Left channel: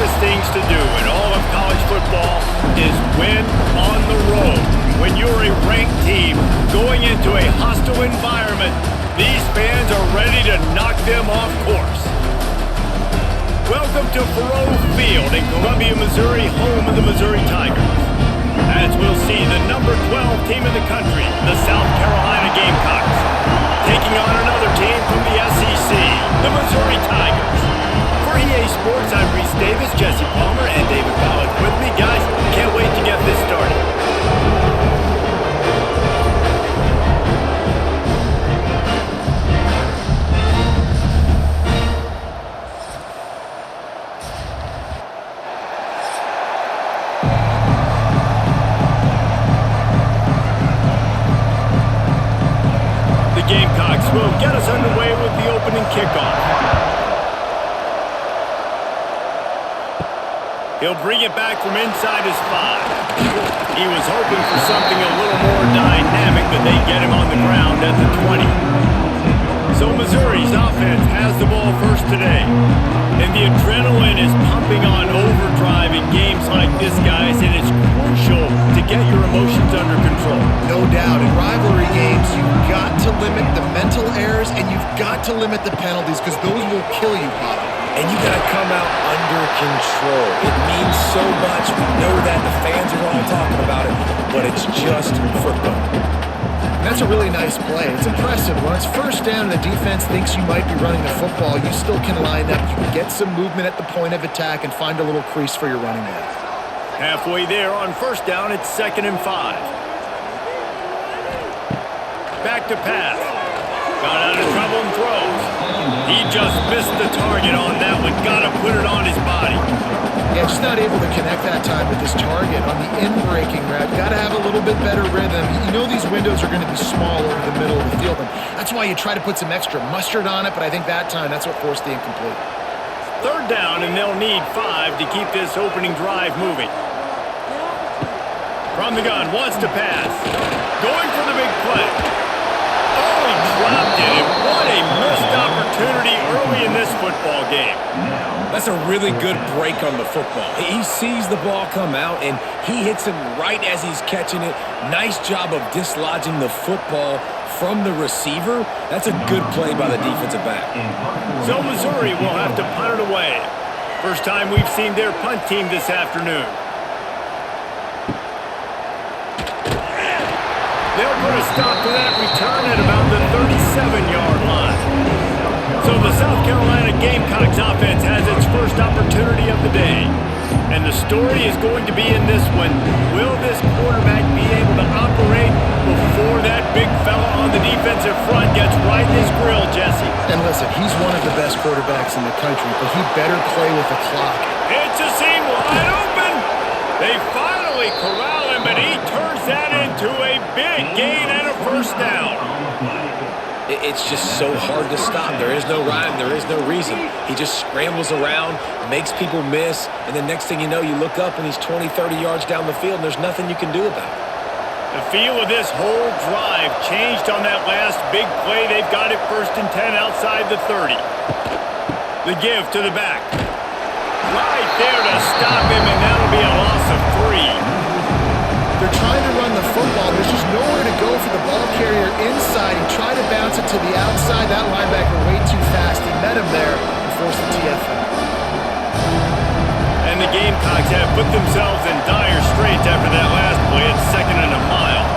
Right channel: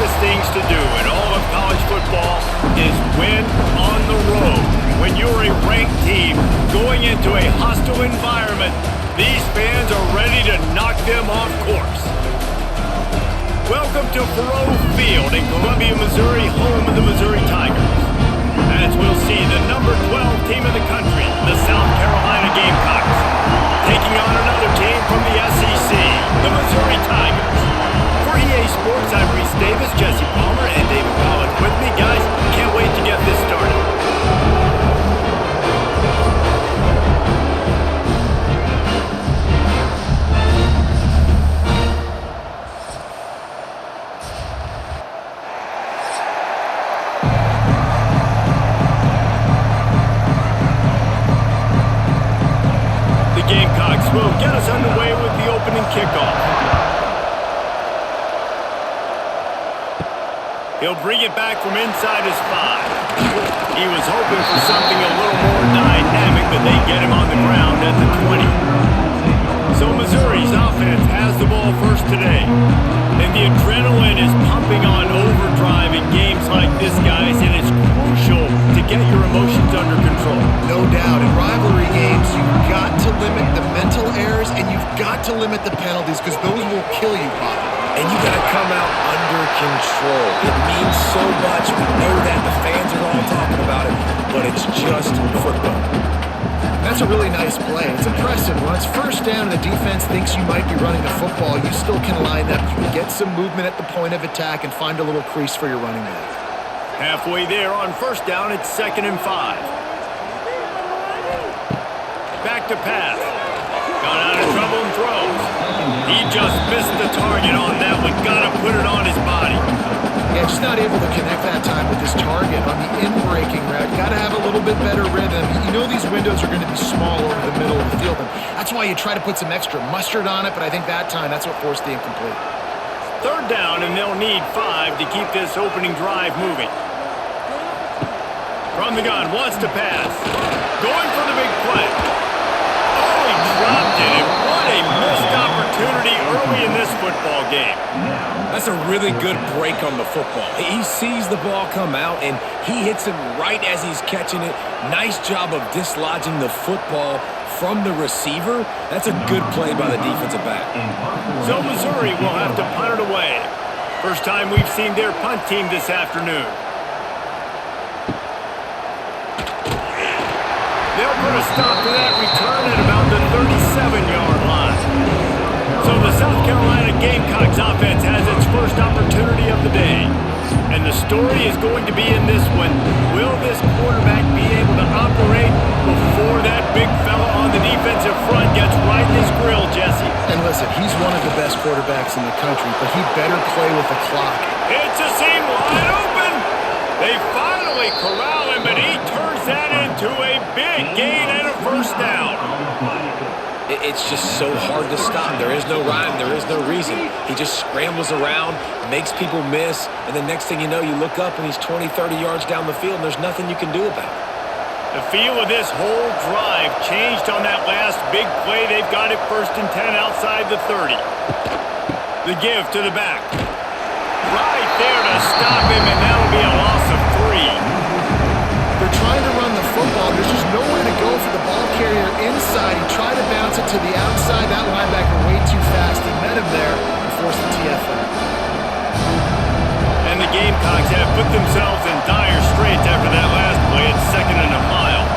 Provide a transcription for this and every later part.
toughest things to do in all of college football is win on the road. When you're a ranked team going into a hostile environment, these fans are ready to knock them off course. Welcome to Faurot Field in Columbia, Missouri, home of the Missouri Tigers. As we'll see the number 12 team in the country, the South Carolina Gamecocks, taking on another team from the SEC, the Missouri Tigers. For EA Sports, I'm Reese Davis, Jesse Palmer, and David Pollack with me. Guys, can't wait to get this started. The Gamecocks will get us underway with the opening kickoff. He'll bring it back from inside his 5. He was hoping for something a little more dynamic, but they get him on the ground at the 20. So Missouri's offense has the ball first today. And the adrenaline is pumping on overdrive in games like this, guys, and it's crucial to get your emotions under control. No doubt. In rivalry games, you've got to limit the mental errors and you've got to limit the penalties because those will kill you, Bob. And you got to come out under control. It means so much. We know that. The fans are all talking about it, but it's just football. And that's a really nice play. It's impressive. When it's first down and the defense thinks you might be running the football, you still can line up. You can get some movement at the point of attack and find a little crease for your running back. Halfway there on first down, it's 2nd and 5. Back to pass. Got out of trouble and throws. He just missed the target on that one. Got to put it on his body. Yeah, just not able to connect that time with his target on the in-breaking route. You got to have a little bit better rhythm. You know these windows are going to be small over the middle of the field, and that's why you try to put some extra mustard on it, but I think that time that's what forced the incomplete. 3rd down, and they'll need 5 to keep this opening drive moving. From the gun, wants to pass. Going for the big play. Oh, he dropped it, and what a missed opportunity early in this football game. That's a really good break on the football. He sees the ball come out, and he hits him right as he's catching it. Nice job of dislodging the football from the receiver. That's a good play by the defensive back. So Missouri will have to punt it away. First time we've seen their punt team this afternoon. They'll put a stop to that return at about the 37-yard line. So the South Carolina Gamecocks offense has its first opportunity of the day. And the story is going to be in this one. Will this quarterback be able to operate before that big fella on the defensive front gets right in his grill, Jesse? And listen, he's one of the best quarterbacks in the country, but he better play with the clock. It's a seam wide open. They finally corral him, but he turns that into a big gain and a first down. It's just so hard to stop. There is no rhyme. There is no reason. He just scrambles around, makes people miss, and the next thing you know, you look up and he's 20, 30 yards down the field, and there's nothing you can do about it. The feel of this whole drive changed on that last big play. They've got it 1st and 10 outside the 30. The give to the back. Right there to stop him, and that'll be a loss of 3. They're trying to run the football. There's just nowhere to go for the ball carrier inside. He tried to bounce it to the outside. That linebacker way too fast. He met him there and forced the TFL. And the Gamecocks have put themselves in dire straits after that last play at 2nd and a mile.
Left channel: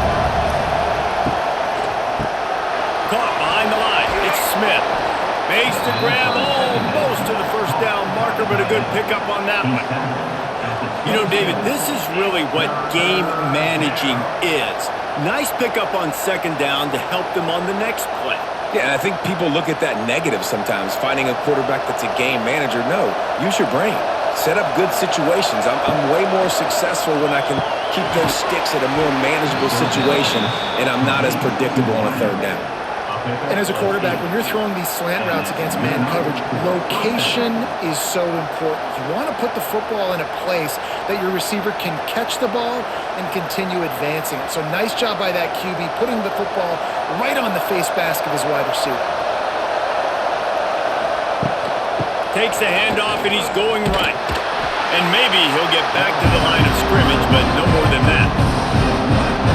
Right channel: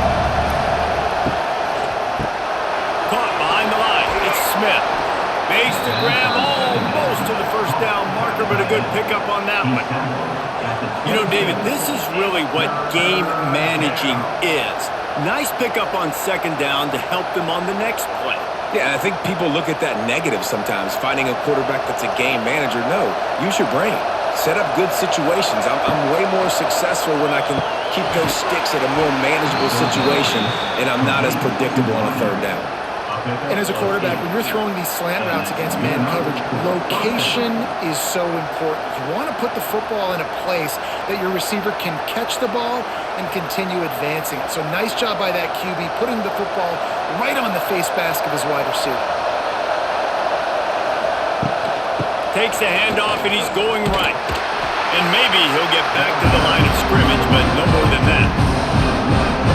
Caught behind the line. It's Smith. Makes the grab almost to the first down marker, but a good pickup on that one. You know, David, this is really what game managing is. Nice pickup on 2nd down to help them on the next play. Yeah, I think people look at that negative sometimes, finding a quarterback that's a game manager. No, use your brain. Set up good situations. I'm way more successful when I can keep those sticks at a more manageable situation, and I'm not as predictable on a 3rd down. And as a quarterback, when you're throwing these slant routes against man coverage, location is so important. You want to put the football in a place that your receiver can catch the ball and continue advancing it. So nice job by that QB, putting the football right on the face mask of his wide receiver. Takes the handoff, and he's going right. And maybe he'll get back to the line of scrimmage, but no more than that.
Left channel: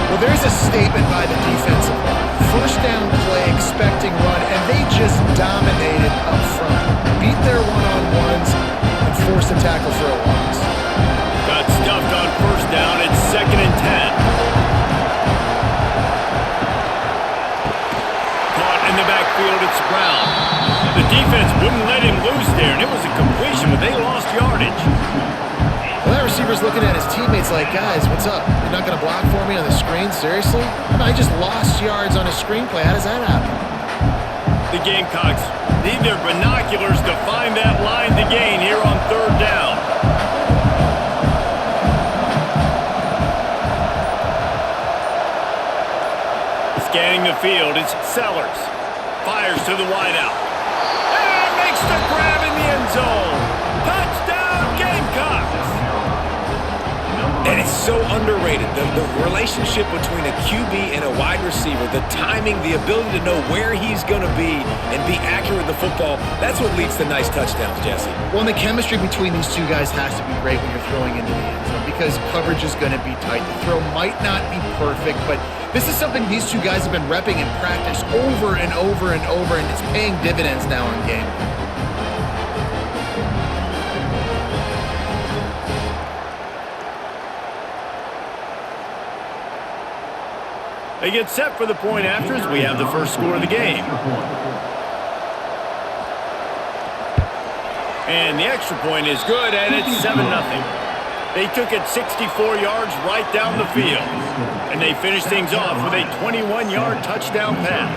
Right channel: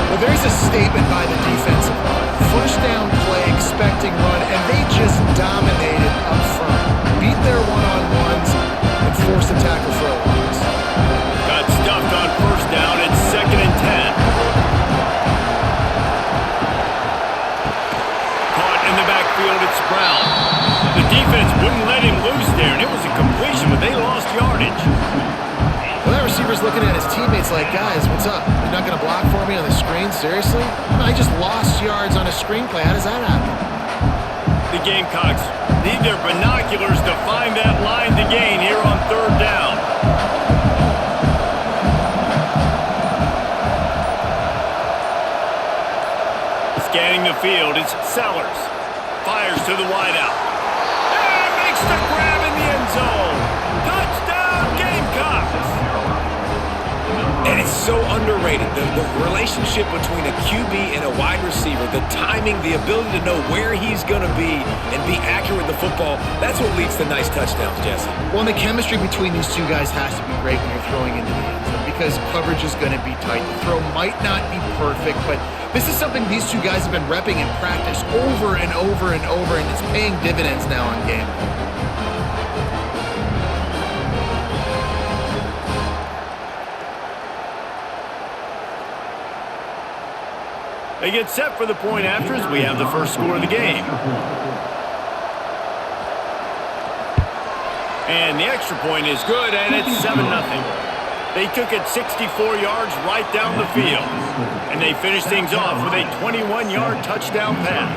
Well, there's a statement by the defensive line. First down play, expecting run, and they just dominated up front. Beat their one-on-ones and forced a tackle for a loss. Got stuffed on first down. It's 2nd and 10. Caught in the backfield. It's Brown. The defense wouldn't let him loose there, and it was a completion, but they lost yardage. Well, that receiver's looking at his teammates like, guys, what's up? You're not going to block for me on the screen? Seriously? I mean, I just lost yards on a screenplay. How does that happen? The Gamecocks need their binoculars to find that line to gain here on 3rd down. Scanning the field, it's Sellers. Fires to the wideout. And makes the grab in the end zone. Touchdown, Gamecocks! And it's so underrated. The relationship between a QB and a wide receiver, the timing, the ability to know where he's going to be and be accurate with the football, that's what leads to nice touchdowns, Jesse. Well, and the chemistry between these two guys has to be great when you're throwing into the end zone because coverage is going to be tight. The throw might not be perfect, but this is something these two guys have been repping in practice over and over and over, and it's paying dividends now on game. They get set for the point after as we have the first score of the game. And the extra point is good, and it's 7-0. They took it 64 yards right down the field. And they finished things off with a 21-yard touchdown pass.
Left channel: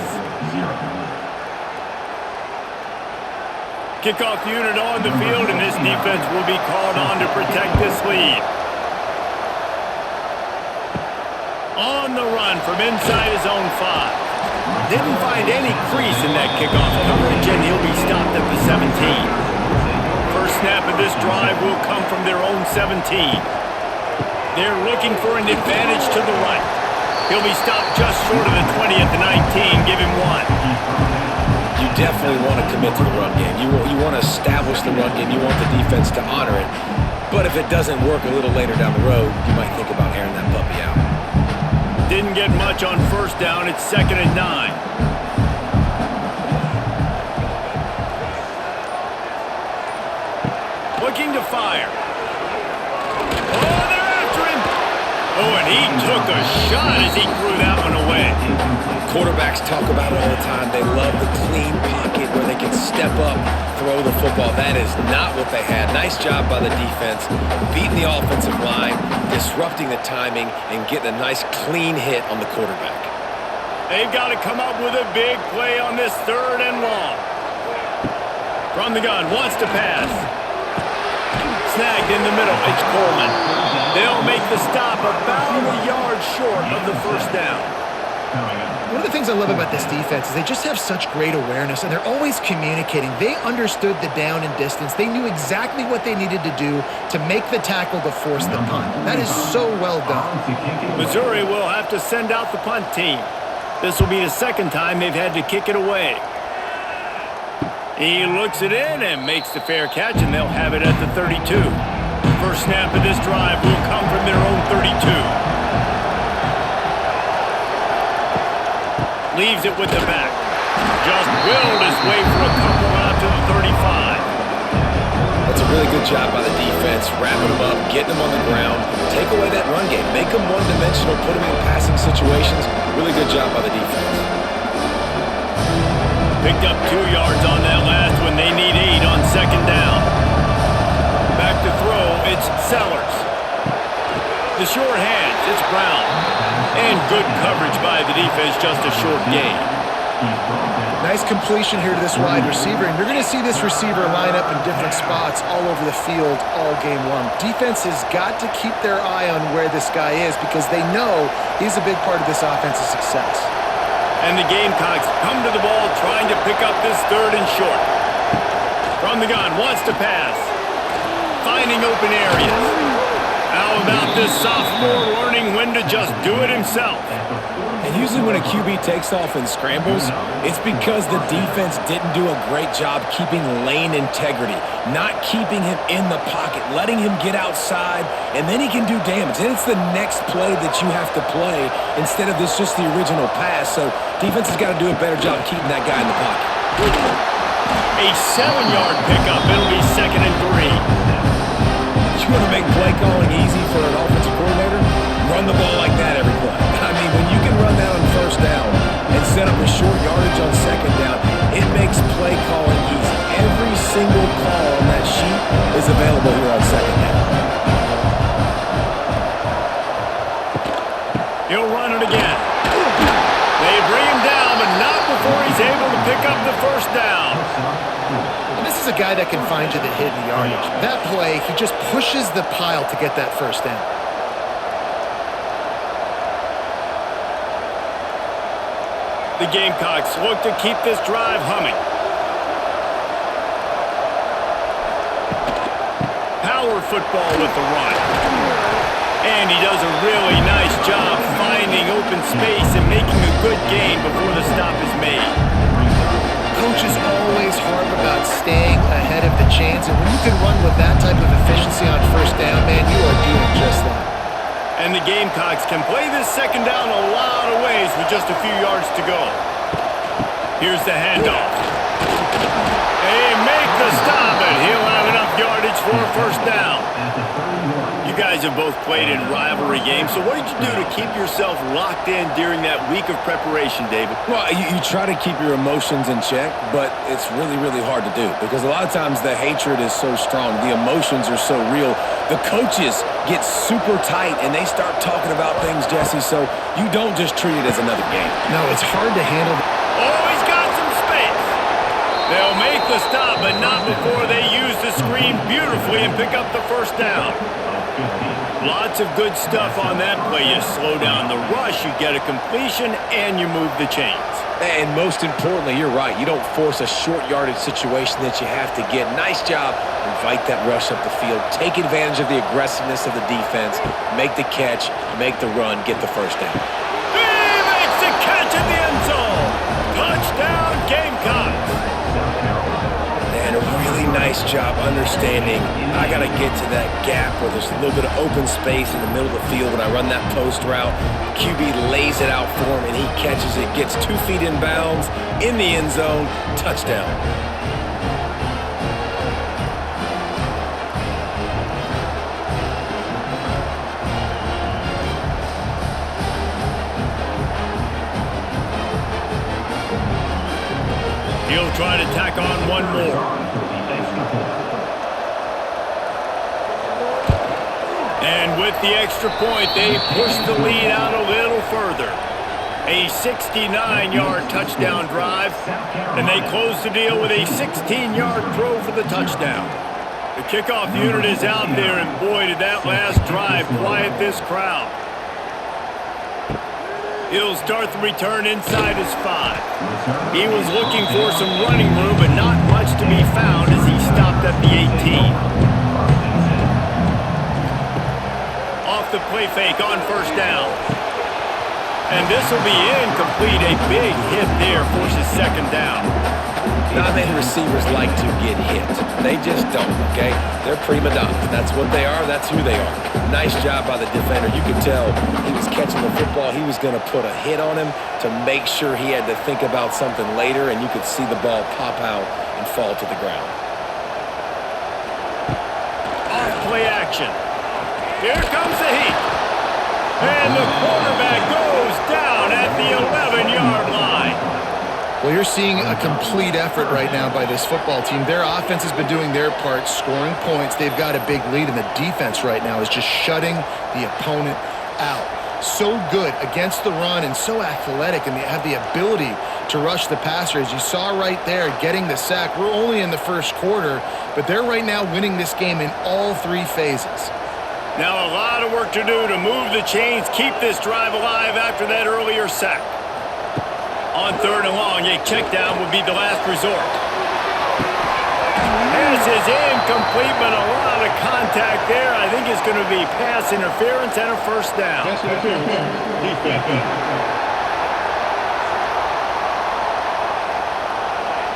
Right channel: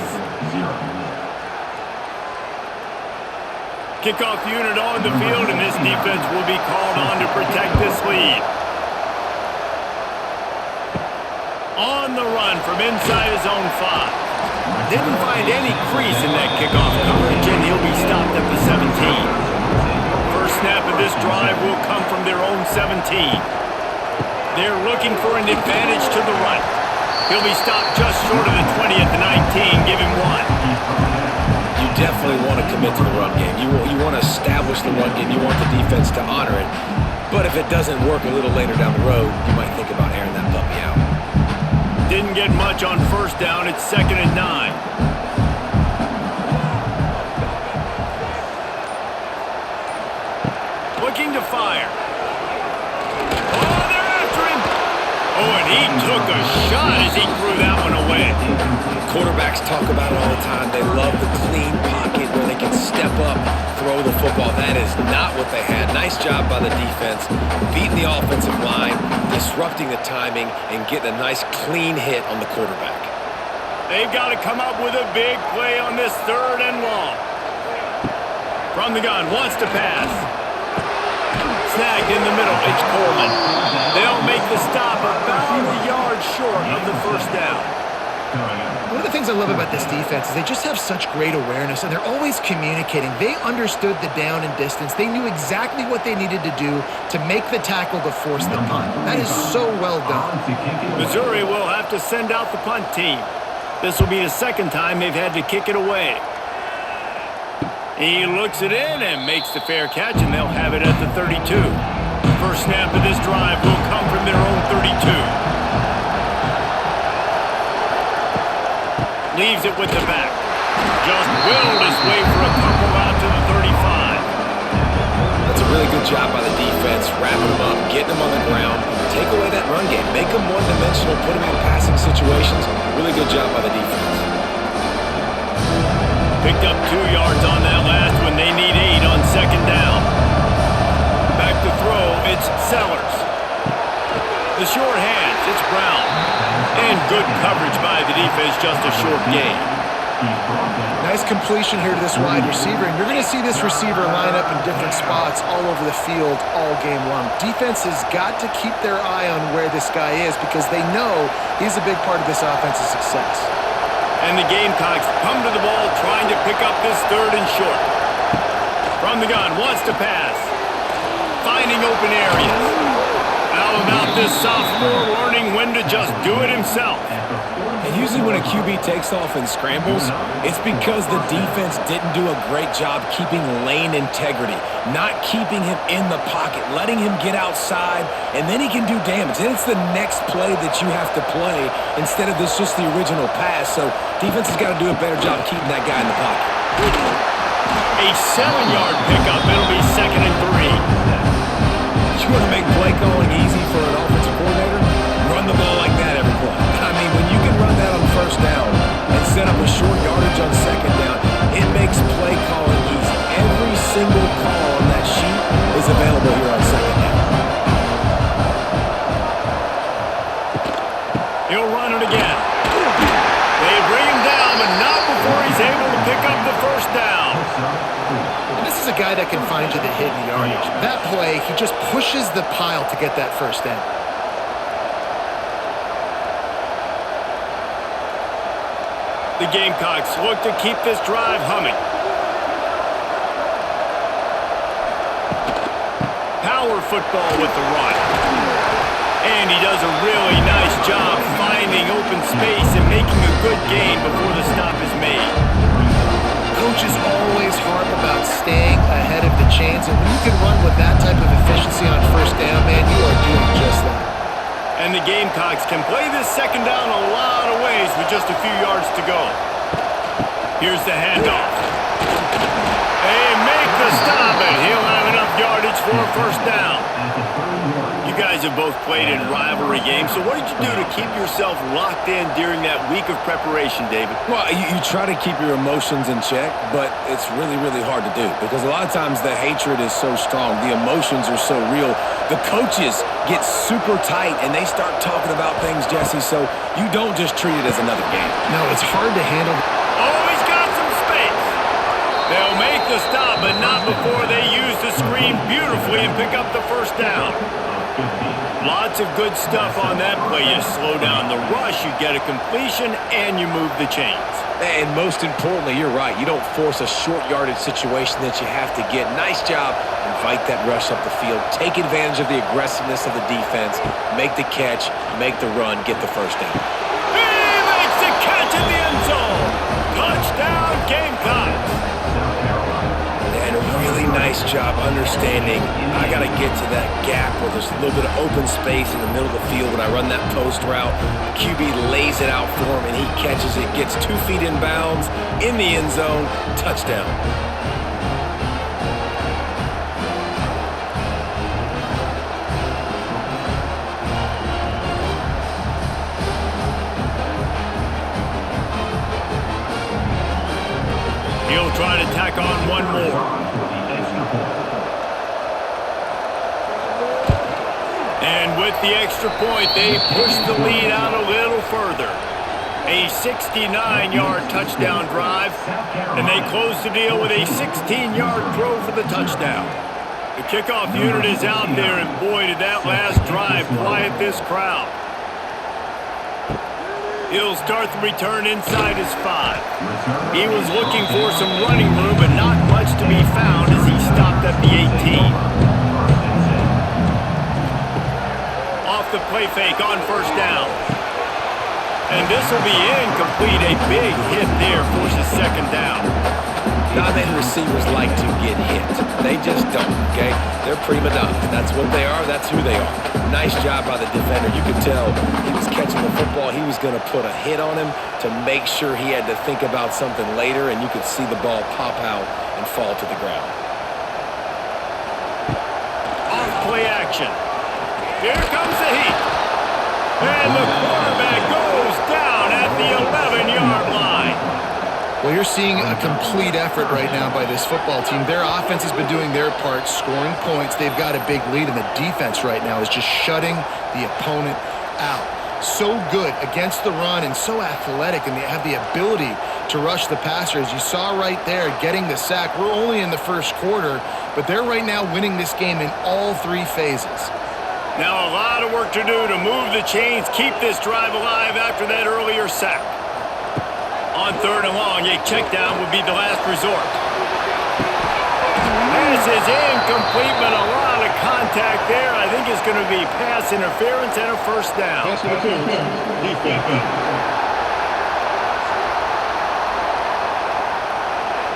Kickoff unit on the field, and this defense will be called on to protect this lead. On the run from inside his own 5. Didn't find any crease in that kickoff coverage, and he'll be stopped at the 17. First snap of this drive will come from their own 17. They're looking for an advantage to the right. He'll be stopped just short of the 20 at the 19. Give him 1. You definitely want to commit to the run game. You want to establish the run game. You want the defense to honor it. But if it doesn't work a little later down the road, you might think about airing that puppy out. Didn't get much on first down. It's 2nd and 9. Looking to fire. Oh, they're after him. Oh, and he took a shot as he threw that one away. Quarterbacks talk about it all the time. They love the clean pocket where they can step up, throw the football. That is not what they had. Nice job by the defense, beating the offensive line, disrupting the timing, and getting a nice clean hit on the quarterback. They've got to come up with a big play on this 3rd and long. From the gun, wants to pass. Snagged in the middle, it's Coleman. They'll make the stop about a yard short of the first down. One of the things I love about this defense is they just have such great awareness, and they're always communicating. They understood the down and distance. They knew exactly what they needed to do to make the tackle to force the punt. That is so well done. Missouri will have to send out the punt team. This will be the 2nd time they've had to kick it away. He looks it in and makes the fair catch, and they'll have it at the 32. First snap of this drive will come from their own 32. Leaves it with the back. Just willed his way for a couple out to the 35. That's a really good job by the defense, wrapping them up, getting them on the ground, take away that run game, make them one-dimensional, put them in passing situations. Really good job by the defense. Picked up 2 yards on that last one. They need 8 on 2nd down. Back to throw, it's Sellers. The short hands, it's Brown. And good coverage by the defense, just a short gain. Nice completion here to this wide receiver, and you're going to see this receiver line up in different spots all over the field all game long. Defense has got to keep their eye on where this guy is because they know he's a big part of this offense's success. And the Gamecocks come to the ball trying to pick up this 3rd and short. From the gun, wants to pass. Finding open areas. How about this sophomore learning when to just do it himself? And usually when a QB takes off and scrambles, it's because the defense didn't do a great job keeping lane integrity, not keeping him in the pocket, letting him get outside, and then he can do damage. And it's the next play that you have to play instead of this just the original pass. So defense has got to do a better job keeping that guy in the pocket. A 7-yard pickup. It'll be 2nd and 3. You want to make play calling easy for an offensive coordinator? Run the ball like that every play. I mean, when you can run that on 1st down and set up a short yardage on 2nd down, it makes play calling easy. Every single call on that sheet is available here on 2nd down. He'll run it again. They bring him down, but not before he's able to pick up the 1st down. And this is a guy that can find you the hidden yardage. That play, he just pushes the pile to get that 1st down. The Gamecocks look to keep this drive humming. Power football with the run. And he does a really nice job finding open space and making a good gain before the stop is made. Coaches always harp about staying ahead of the chains, and when you can run with that type of efficiency on 1st down, man, you are doing just that. And the Gamecocks can play this 2nd down a lot of ways with just a few yards to go. Here's the handoff. They make the stop, and he'll have enough yardage for a 1st down. You guys have both played in rivalry games, so what did you do to keep yourself locked in during that week of preparation, David? Well, you try to keep your emotions in check, but it's really, really hard to do because a lot of times the hatred is so strong. The emotions are so real. The coaches get super tight, and they start talking about things, Jesse, so you don't just treat it as another game. No, it's hard to handle. Oh, he's got some space. They'll make the stop, but not before they use the screen beautifully and pick up the 1st down. Lots of good stuff on that play. You slow down the rush, you get a completion, and you move the chains. And most importantly, you're right. You don't force a short yardage situation that you have to get. Nice job. Invite that rush up the field. Take advantage of the aggressiveness of the defense. Make the catch, make the run, get the 1st down. He makes the catch in the end zone. Touchdown, Gamecocks. And a really nice job understanding I got to get to that gap where there's a little bit of open space in the middle of the field when I run that post route. QB lays it out for him, and he catches it, gets 2 feet in bounds, in the end zone, touchdown. He'll try to tack on one more. And with the extra point, they push the lead out a little further. A 69-yard touchdown drive, and they close the deal with a 16-yard throw for the touchdown. The kickoff unit is out there, and boy, did that last drive quiet this crowd. He'll start the return inside his 5. He was looking for some running room, but not much to be found as he stopped at the 18. Off the play fake on 1st down. And this will be incomplete. A big hit there forces 2nd down. Not many receivers like to get hit. They just don't, okay? They're prima donnas. That's what they are. That's who they are. Nice job by the defender. You could tell he was catching the football. He was going to put a hit on him to make sure he had to think about something later, and you could see the ball pop out and fall to the ground. Off play action. Here comes the heat. And the quarterback goes down at the 11-yard line. Well, you're seeing a complete effort right now by this football team. Their offense has been doing their part, scoring points. They've got a big lead, and the defense right now is just shutting the opponent out. So good against the run and so athletic, and they have the ability to rush the passer. As you saw right there, getting the sack. We're only in the 1st quarter, but they're right now winning this game in all 3 phases. Now a lot of work to do to move the chains, keep this drive alive after that earlier sack. On 3rd and long, a check down would be the last resort. Pass is incomplete, but a lot of contact there. I think it's going to be pass interference and a first down. Pass interference, defense.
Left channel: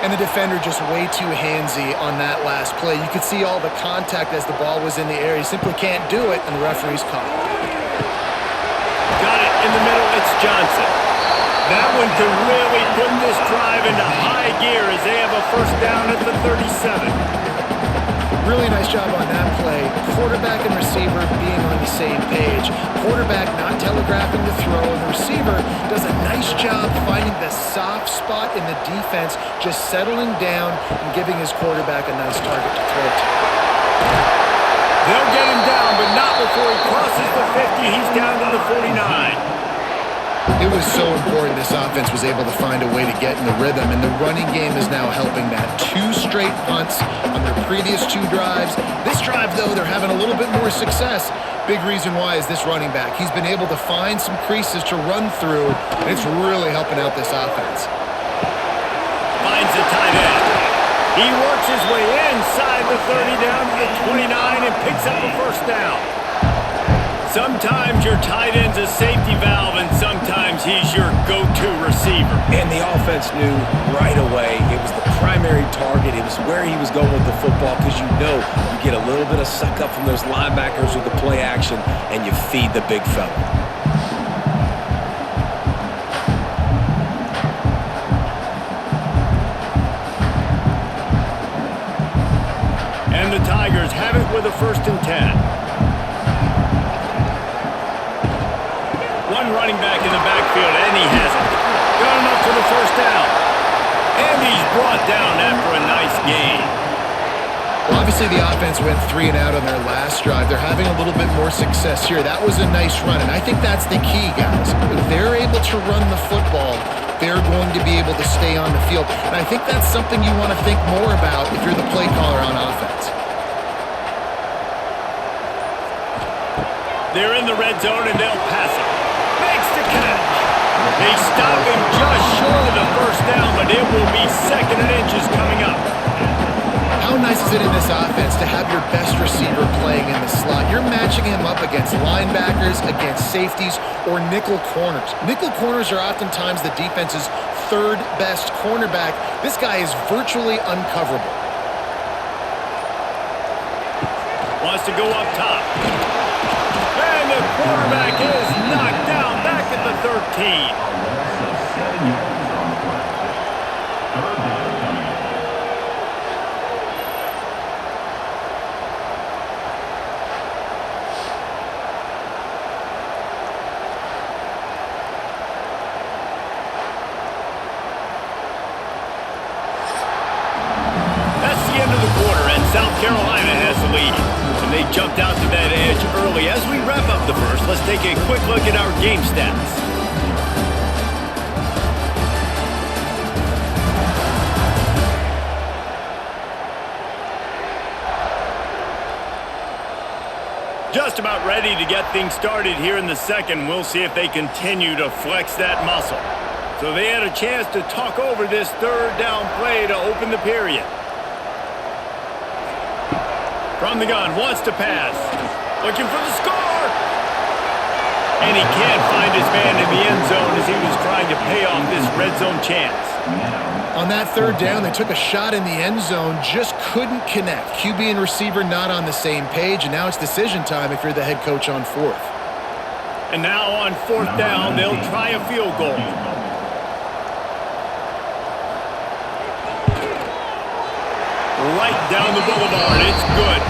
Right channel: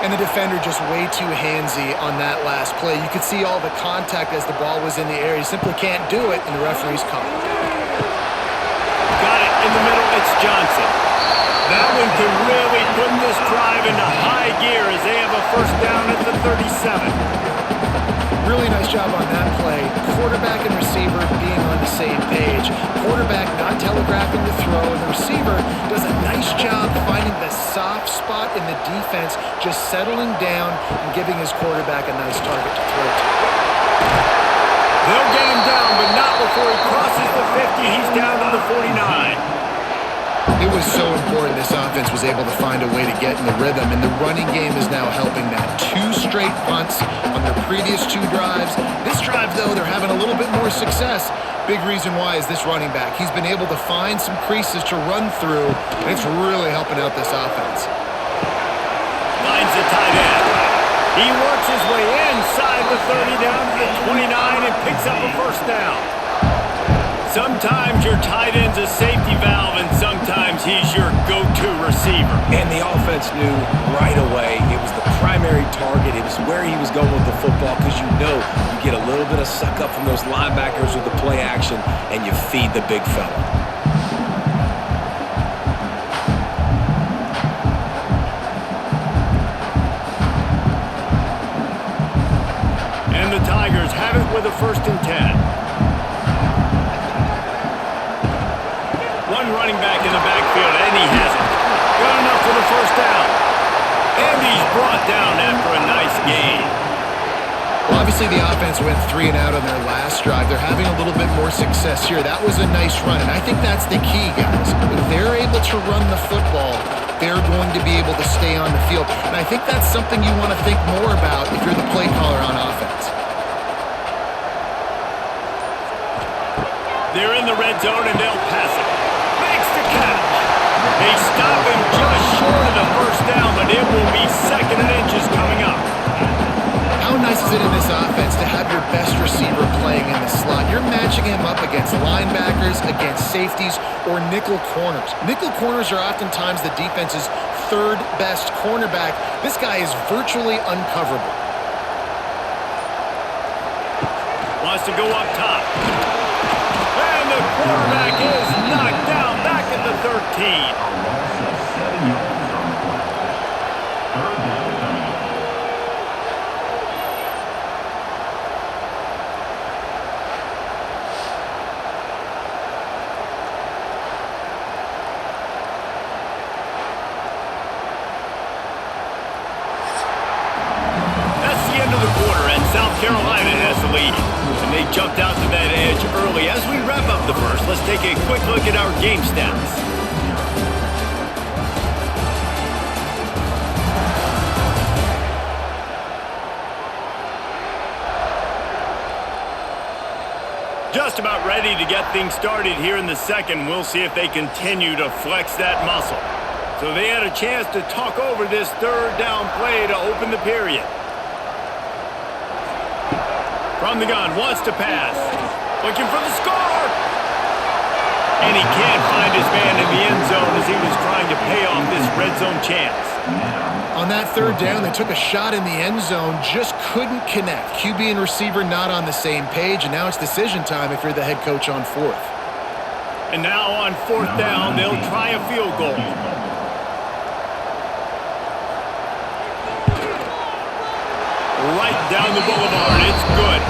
And the defender just way too handsy on that last play. You could see all the contact as the ball was in the air. He simply can't do it, and the referee's caught it. Got it in the middle. It's Johnson. That one could really put this drive into high gear as they have a first down at the 37. Really nice job on that play. Quarterback and receiver being on the same page. Quarterback not telegraphing the throw, and the receiver does a nice job finding the soft spot in the defense, just settling down and giving his quarterback a nice target to throw to. They'll get him down, but not before he crosses the 50. He's down to the 49. It was so important this offense was able to find a way to get in the rhythm, and the running game is now helping that. 2 straight punts on their previous 2 drives. This drive, though, they're having a little bit more success. Big reason why is this running back. He's been able to find some creases to run through, and it's really helping out this offense. Finds the tight end. He works his way inside the 30 down to the 29 and picks up a first down. Sometimes your tight end's a safety valve, and sometimes he's your go-to receiver. And the offense knew right away it was the primary target. It was where he was going with the football, because you know you get a little bit of suck up from those linebackers with the play action, and you feed the big fella. And the Tigers have it with a 1st and 10. One running back in the backfield, and he has it. Got enough for the first down. And he's brought down after a nice gain. Well, obviously the offense went 3 and out on their last drive. They're having a little bit more success here. That was a nice run, and I think that's the key, guys. If they're able to run the football, they're going to be able to stay on the field. And I think that's something you want to think more about if you're the play caller on offense. They're in the red zone, and they'll pass it. Makes the catch. They stop him just short of the first down, but it will be 2nd and inches coming up. How nice is it in this offense to have your best receiver playing in the slot? You're matching him up against linebackers, against safeties, or nickel corners. Nickel corners are oftentimes the defense's 3rd best cornerback. This guy is virtually uncoverable. Wants to go up top. And the quarterback is knocked down back at the 13. A loss of 7 yards on the play. 3rd down coming up. That's the end of the quarter, and South Carolina has the lead. And they jumped out to that edge early. As we wrap up the first, let's take a quick look at our game stats. Just about ready to get things started here in the second. We'll see if they continue to flex that muscle. So they had a chance to talk over this 3rd down play to open the period. From the gun, wants to pass. Looking for the score. And he can't find his man in the end zone as he was trying to pay off this red zone chance. On that 3rd down, they took a shot in the end zone, just couldn't connect. QB and receiver not on the same page, and now it's decision time if you're the head coach on 4th. And now on 4th down, they'll try a field goal. Right down the boulevard. It's good.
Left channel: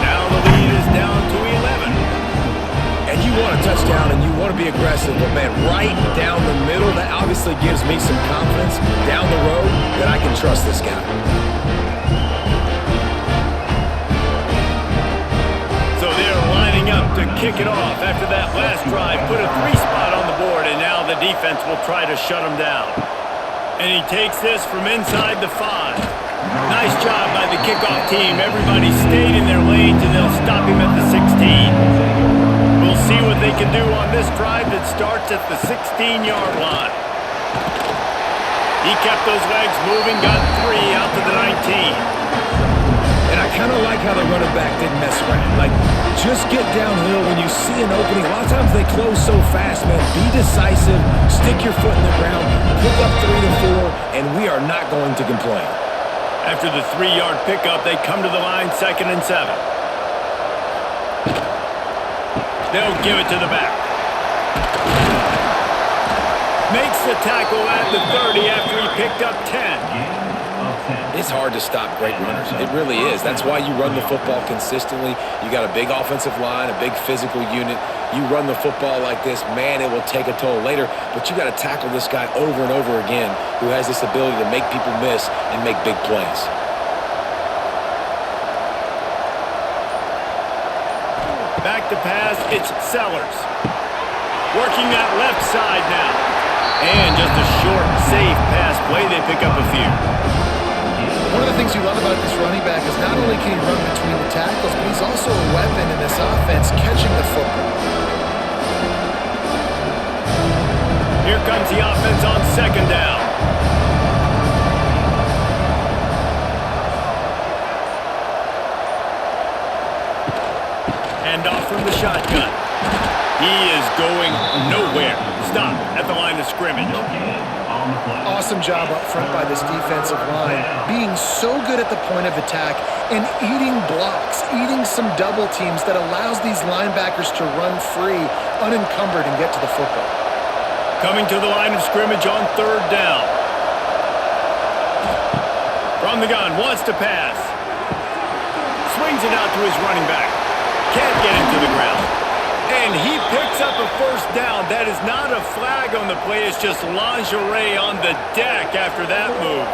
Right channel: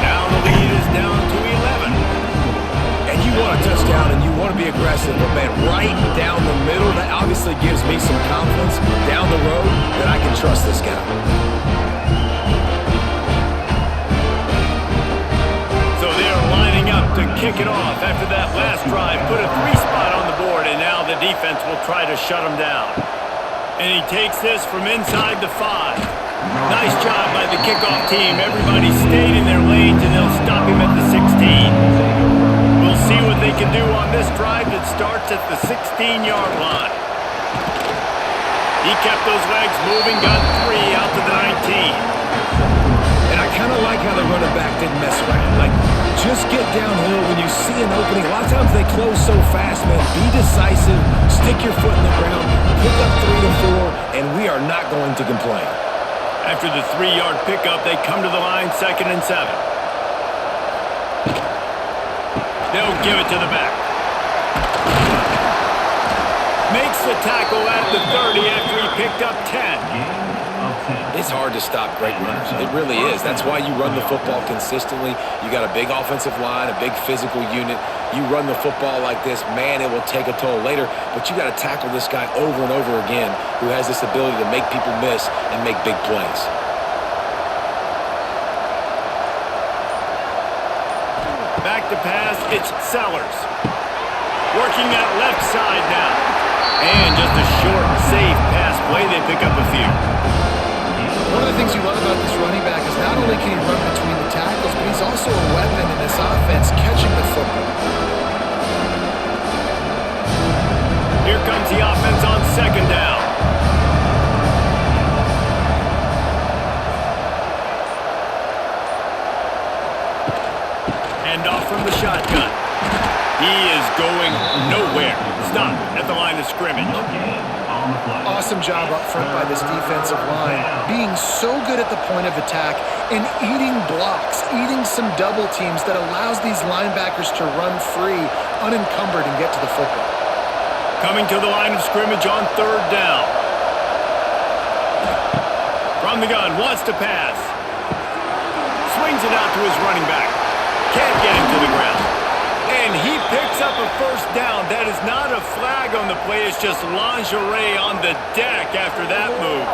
Now the lead is down to 11. And you want a touchdown and you want to be aggressive, but man, right down the middle, that obviously gives me some confidence down the road that I can trust this guy. So they're lining up to kick it off after that last drive. Put a 3 spot on the board, and now the defense will try to shut him down. And he takes this from inside the 5. Nice job by the kickoff team. Everybody stayed in their lanes, and they'll stop him at the 16. We'll see what they can do on this drive that starts at the 16-yard line. He kept those legs moving, got 3 out to the 19. And I kind of like how the running back didn't mess around. Like, just get downhill when you see an opening. A lot of times they close so fast, man. Be decisive, stick your foot in the ground, pick up 3 to 4, and we are not going to complain. After the 3-yard pickup, they come to the line, 2nd and 7. They'll give it to the back. Makes the tackle at the 30 after he picked up 10. It's hard to stop great runners. It really is. That's why you run the football consistently. You got a big offensive line, a big physical unit. You run the football like this, man, it will take a toll later. But you got to tackle this guy over and over again who has this ability to make people miss and make big plays. Back to pass, it's Sellers. Working that left side now. And just a short, safe pass play. They pick up a few. One of the things you love about this running back is not only can he run between the tackles, but he's also a weapon in this offense catching the football. Here comes the offense on 2nd down. Hand off from the shotgun. He is going nowhere. Stop at the line of scrimmage. Awesome job up front by this defensive line, being so good at the point of attack and eating blocks, eating some double teams that allows these linebackers to run free, unencumbered, and get to the football. Coming to the line of scrimmage on 3rd down. From the gun, wants to pass. Swings it out to his running back. Can't get him to the ground. And he picks up a 1st down. That is not a flag on the play. It's just lingerie on the deck after that move.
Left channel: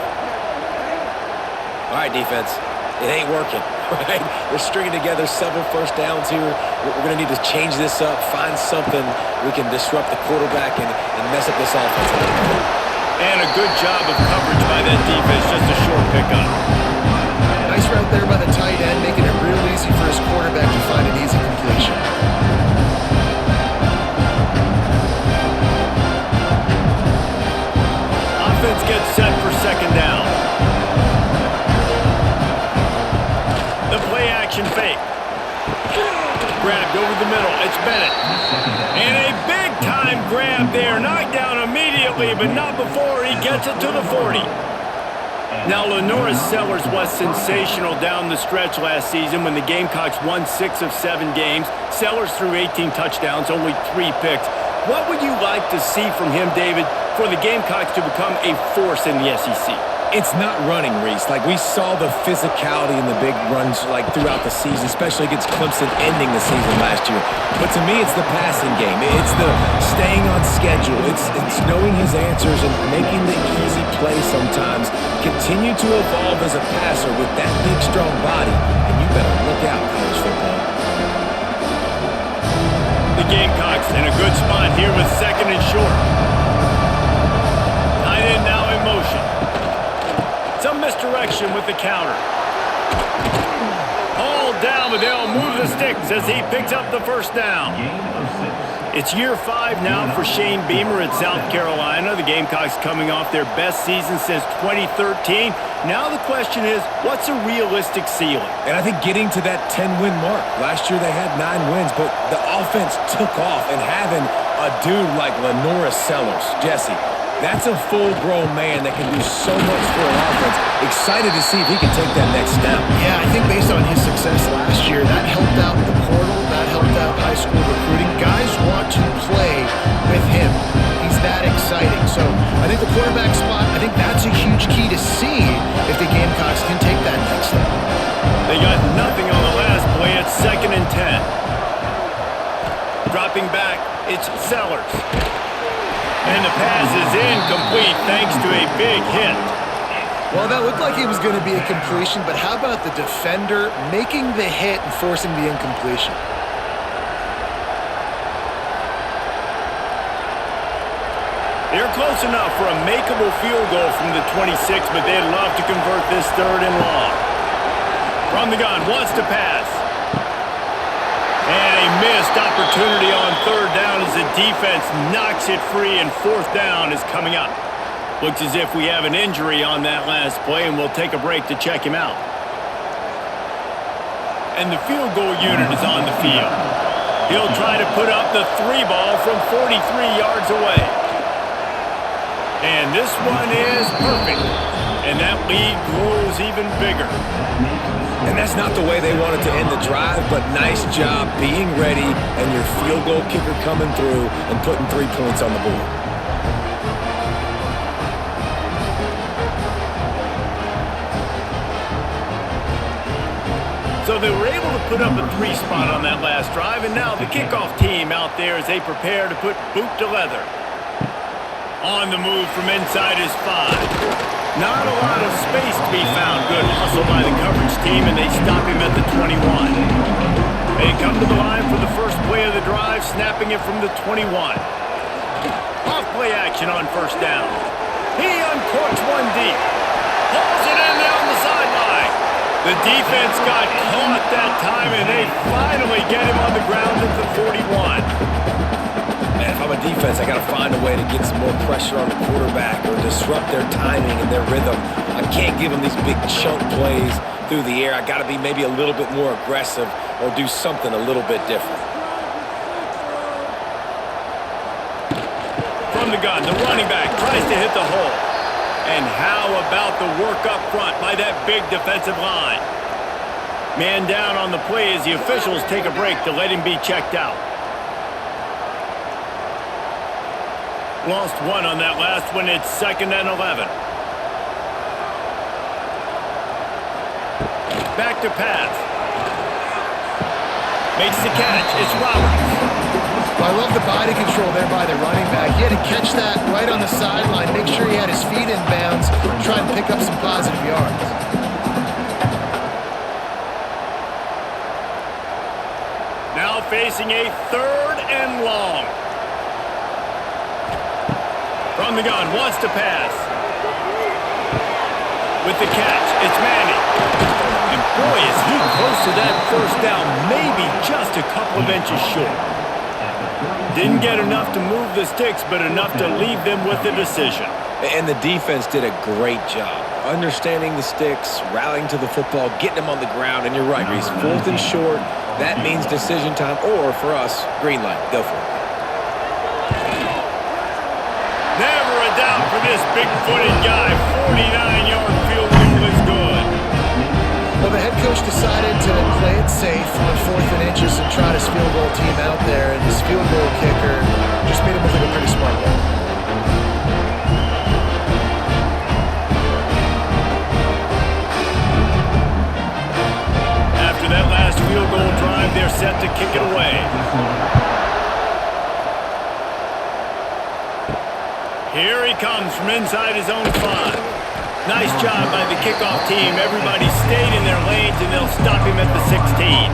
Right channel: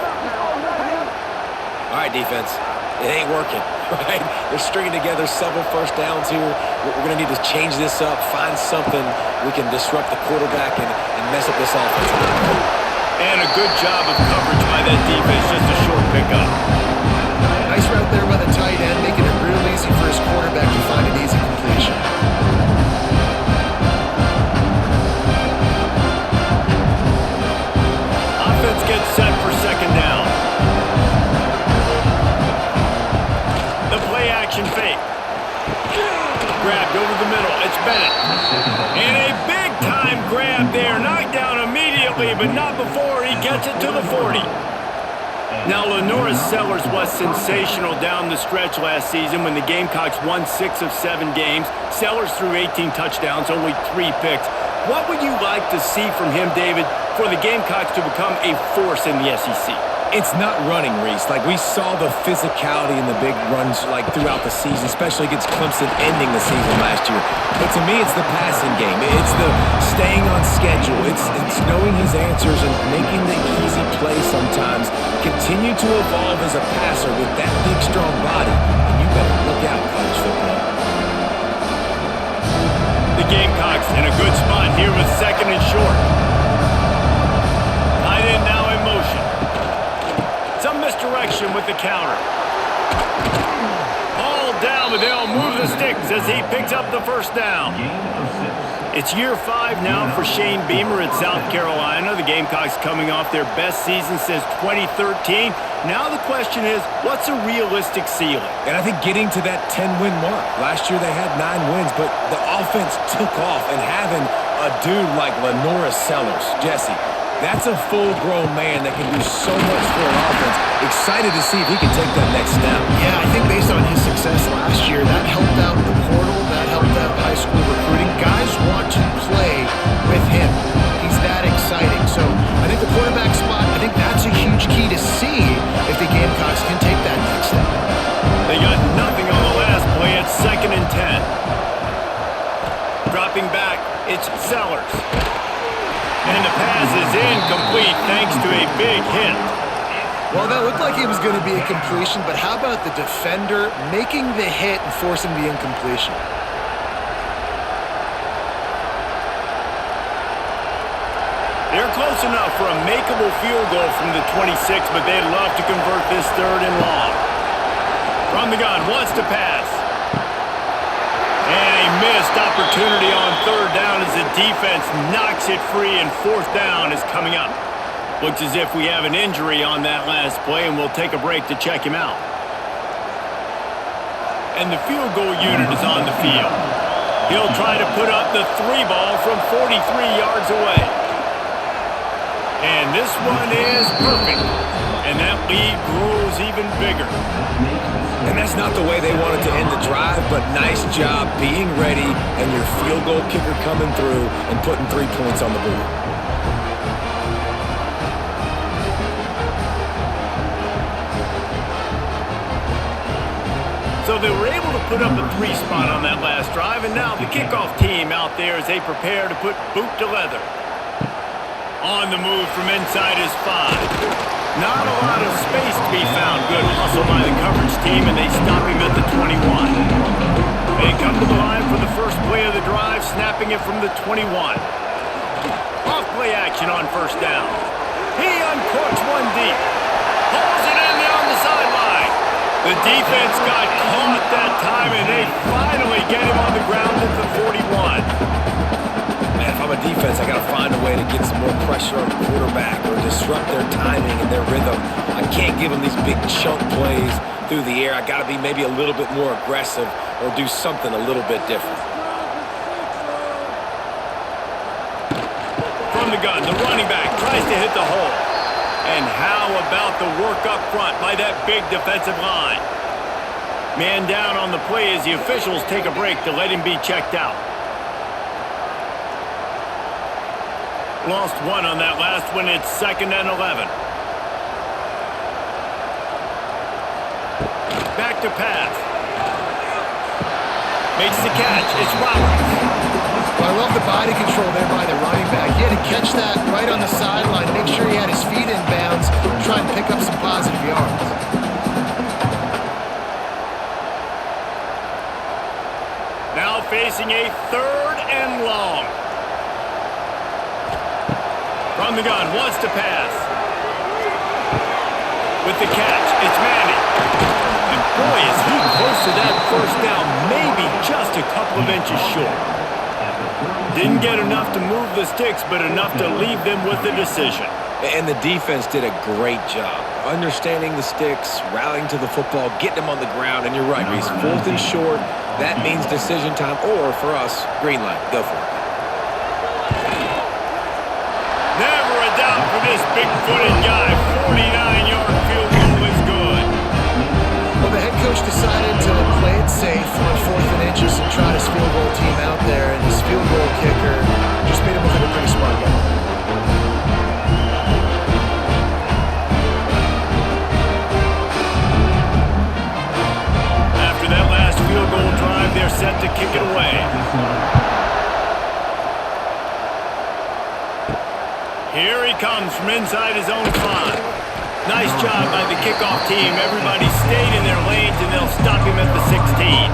All right, defense. It ain't working, right? They're stringing together several 1st downs here. We're going to need to change this up, find something we can disrupt the quarterback and mess up this offense a little bit. And a good job of coverage by that defense. Just a short pickup. Nice route there by the tight end, making it real easy for his quarterback to find an easy completion. Offense gets set for 2nd down. The play action fake. Grabbed over the middle. It's Bennett. And a big-time grab there. Knocked down immediately, but not before he gets it to the 40. Now, LaNorris Sellers was sensational down the stretch last season when the Gamecocks won 6 of 7 games. Sellers threw 18 touchdowns, only 3 picks. What would you like to see from him, David, for the Gamecocks to become a force in the SEC? It's not running, Reese. Like, we saw the physicality in the big runs, like, throughout the season, especially against Clemson ending the season last year. But to me, it's the passing game. It's the staying on schedule. It's knowing his answers and making the easy play sometimes. Continue to evolve as a passer with that big, strong body. And you better look out, college football. The Gamecocks in a good spot here with 2nd and short. Tight end now in motion. Some misdirection with the counter. Hauled down, but they'll move the sticks as he picks up the 1st down. It's year 5 now for Shane Beamer at South Carolina. The Gamecocks coming off their best season since 2013. Now the question is, what's a realistic ceiling? And I think getting to that 10-win mark. Last year they had 9 wins, but the offense took off. And having a dude like LaNorris Sellers, Jesse, that's a full-grown man that can do so much for an offense. Excited to see if he can take that next step. Yeah, I think based on his success last year, that helped out the portal, that helped out high school recruiting. Guys want to play with him. He's that exciting. So I think the quarterback spot, I think that's a huge key to see if the Gamecocks can take that next step. They got nothing on the last play. It's 2nd and 10. Dropping back, it's Sellers. And the pass is incomplete thanks to a big hit. Well, that looked like it was going to be a completion, but how about the defender making the hit and forcing the incompletion? They're close enough for a makeable field goal from the 26, but they'd love to convert this 3rd and long. From the gun, wants to pass. And a missed opportunity on 3rd down as the defense knocks it free, and 4th down is coming up. Looks as if we have an injury on that last play, and we'll take a break to check him out. and the field goal unit is on the field. He'll try to put up the 3 ball from 43 yards away. And this one is perfect. And that lead grows even bigger. And that's not the way they wanted to end the drive, but nice job being ready and your field goal kicker coming through and putting 3 points on the board. So they were able to put up a 3 spot on that last drive, and now the kickoff team out there as they prepare to put boot to leather. On the move from inside his 5. Not a lot of space to be found. Good hustle by the coverage team, and they stop him at the 21. They come to the line for the first play of the drive, snapping it from the 21. Off-play action on first down. He uncorks one deep. Pulls it in down the sideline. The defense got caught that time, and they finally get him on the ground at the 41. Man, if I'm a defense, I got to find a way to get some more pressure on the quarterback or disrupt their timing and their rhythm. I can't give them these big chunk plays through the air. I got to be maybe a little bit more aggressive or do something a little bit different. From the gun, the running back tries to hit the hole. And how about the work up front by that big defensive line? Man down on the play as the officials take a break to let him be checked out. Lost 1 on that last one. It's 2nd and 11. Back to pass. Makes the catch. It's Roberts. Well, I love the body control there by the running back. He had to catch that right on the sideline, make sure he had his feet in bounds, try and pick up some positive yards. Now facing a 3rd and long. From the gun, wants to pass. With the catch, it's Manning. And boy, is he close to that first down, maybe just a couple of inches short. Didn't get enough to move the sticks, but enough to leave them with the decision. And the defense did a great job understanding the sticks, rallying to the football, getting them on the ground. And you're right, Reese, 4th and short, that means decision time, or for us, green light. Go for it. Never a doubt for this big-footed guy. 49-yard field goal is good. Well, the head coach decided to play it safe on 4th and inches and trot his field goal team out there, and his field goal kicker just made him look like a pretty smart guy. After that last field goal drive, they're set to kick it away. Here he comes from inside his own 5. Nice job by the kickoff team. Everybody stayed in their lanes, and they'll stop him at the 16.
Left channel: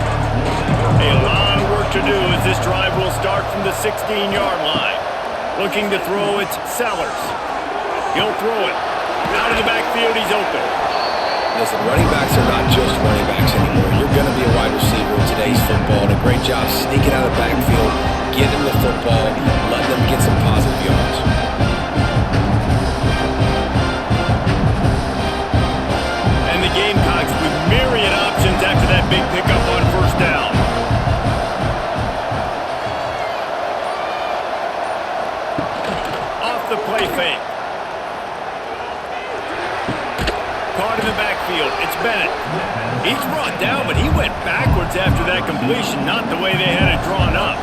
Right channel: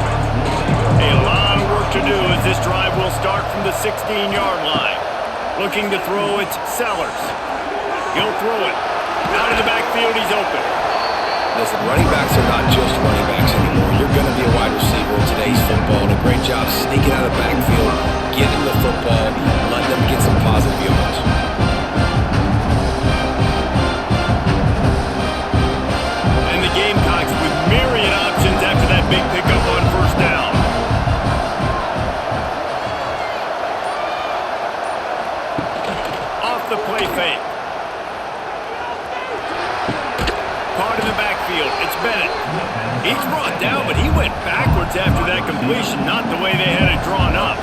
A lot of work to do as this drive will start from the 16-yard line. Looking to throw, it's Sellers. He'll throw it. Out of the backfield, he's open. Listen, running backs are not just running backs anymore. You're going to be a wide receiver in today's football, and a great job sneaking out of the backfield, getting them the football, and letting them get some positive yards. And the Gamecocks with myriad options after that big pickup on first down. Off the play fake. Caught in the backfield. It's Bennett. He's brought down, but he went backwards after that completion, not the way they had it drawn up.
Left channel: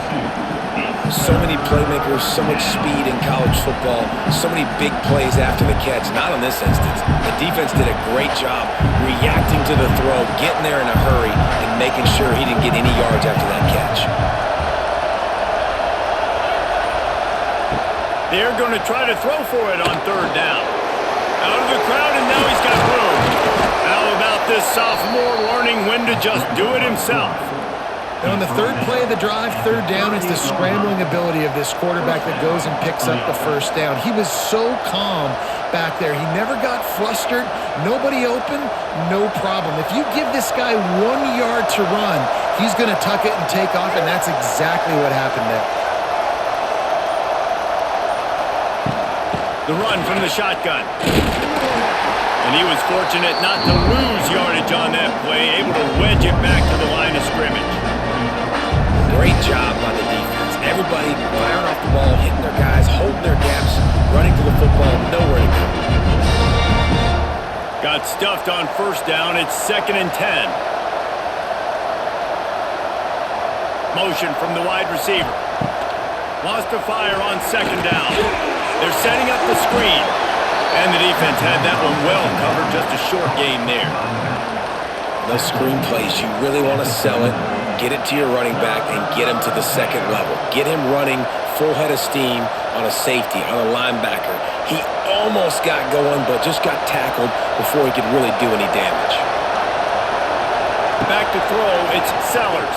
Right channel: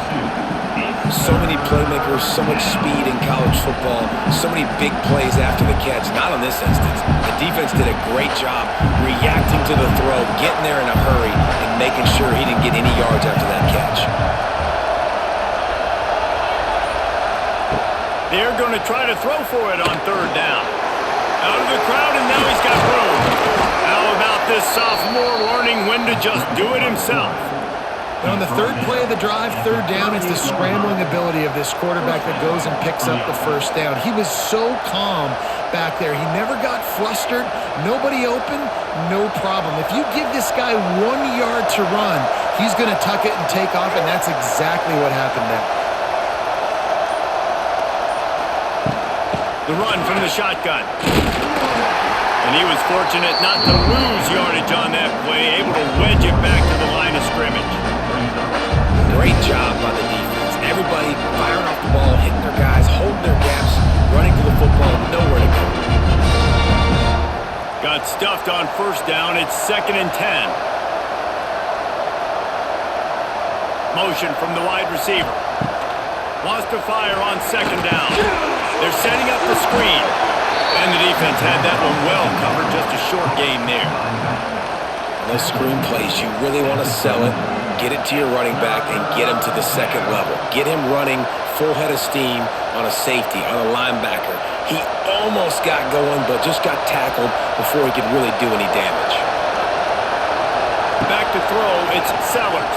So many playmakers, so much speed in college football, so many big plays after the catch. Not on this instance. The defense did a great job reacting to the throw, getting there in a hurry, and making sure he didn't get any yards after that catch. They're going to try to throw for it on 3rd down. Out of the crowd, and now he's got room. How about this sophomore learning when to just do it himself? And on the 3rd play of the drive, 3rd down, it's the scrambling ability of this quarterback that goes and picks up the first down. He was so calm back there. He never got flustered. Nobody open, no problem. If you give this guy 1 yard to run, he's going to tuck it and take off, and that's exactly what happened there. The run from the shotgun. And he was fortunate not to lose yardage on that play, able to wedge it back to the line of really firing off the ball, hitting their guys, holding their gaps, running to the football, nowhere to go. Got stuffed on first down. It's 2nd and 10. Motion from the wide receiver. Wants to fire on 2nd down. They're setting up the screen. And the defense had that one well covered. Just a short gain there. Those screen plays, you really want to sell it, get it to your running back, and get him to the second level. Get him running full head of steam on a safety, on a linebacker. He almost got going, but just got tackled before he could really do any damage. Back to throw, it's Sellers.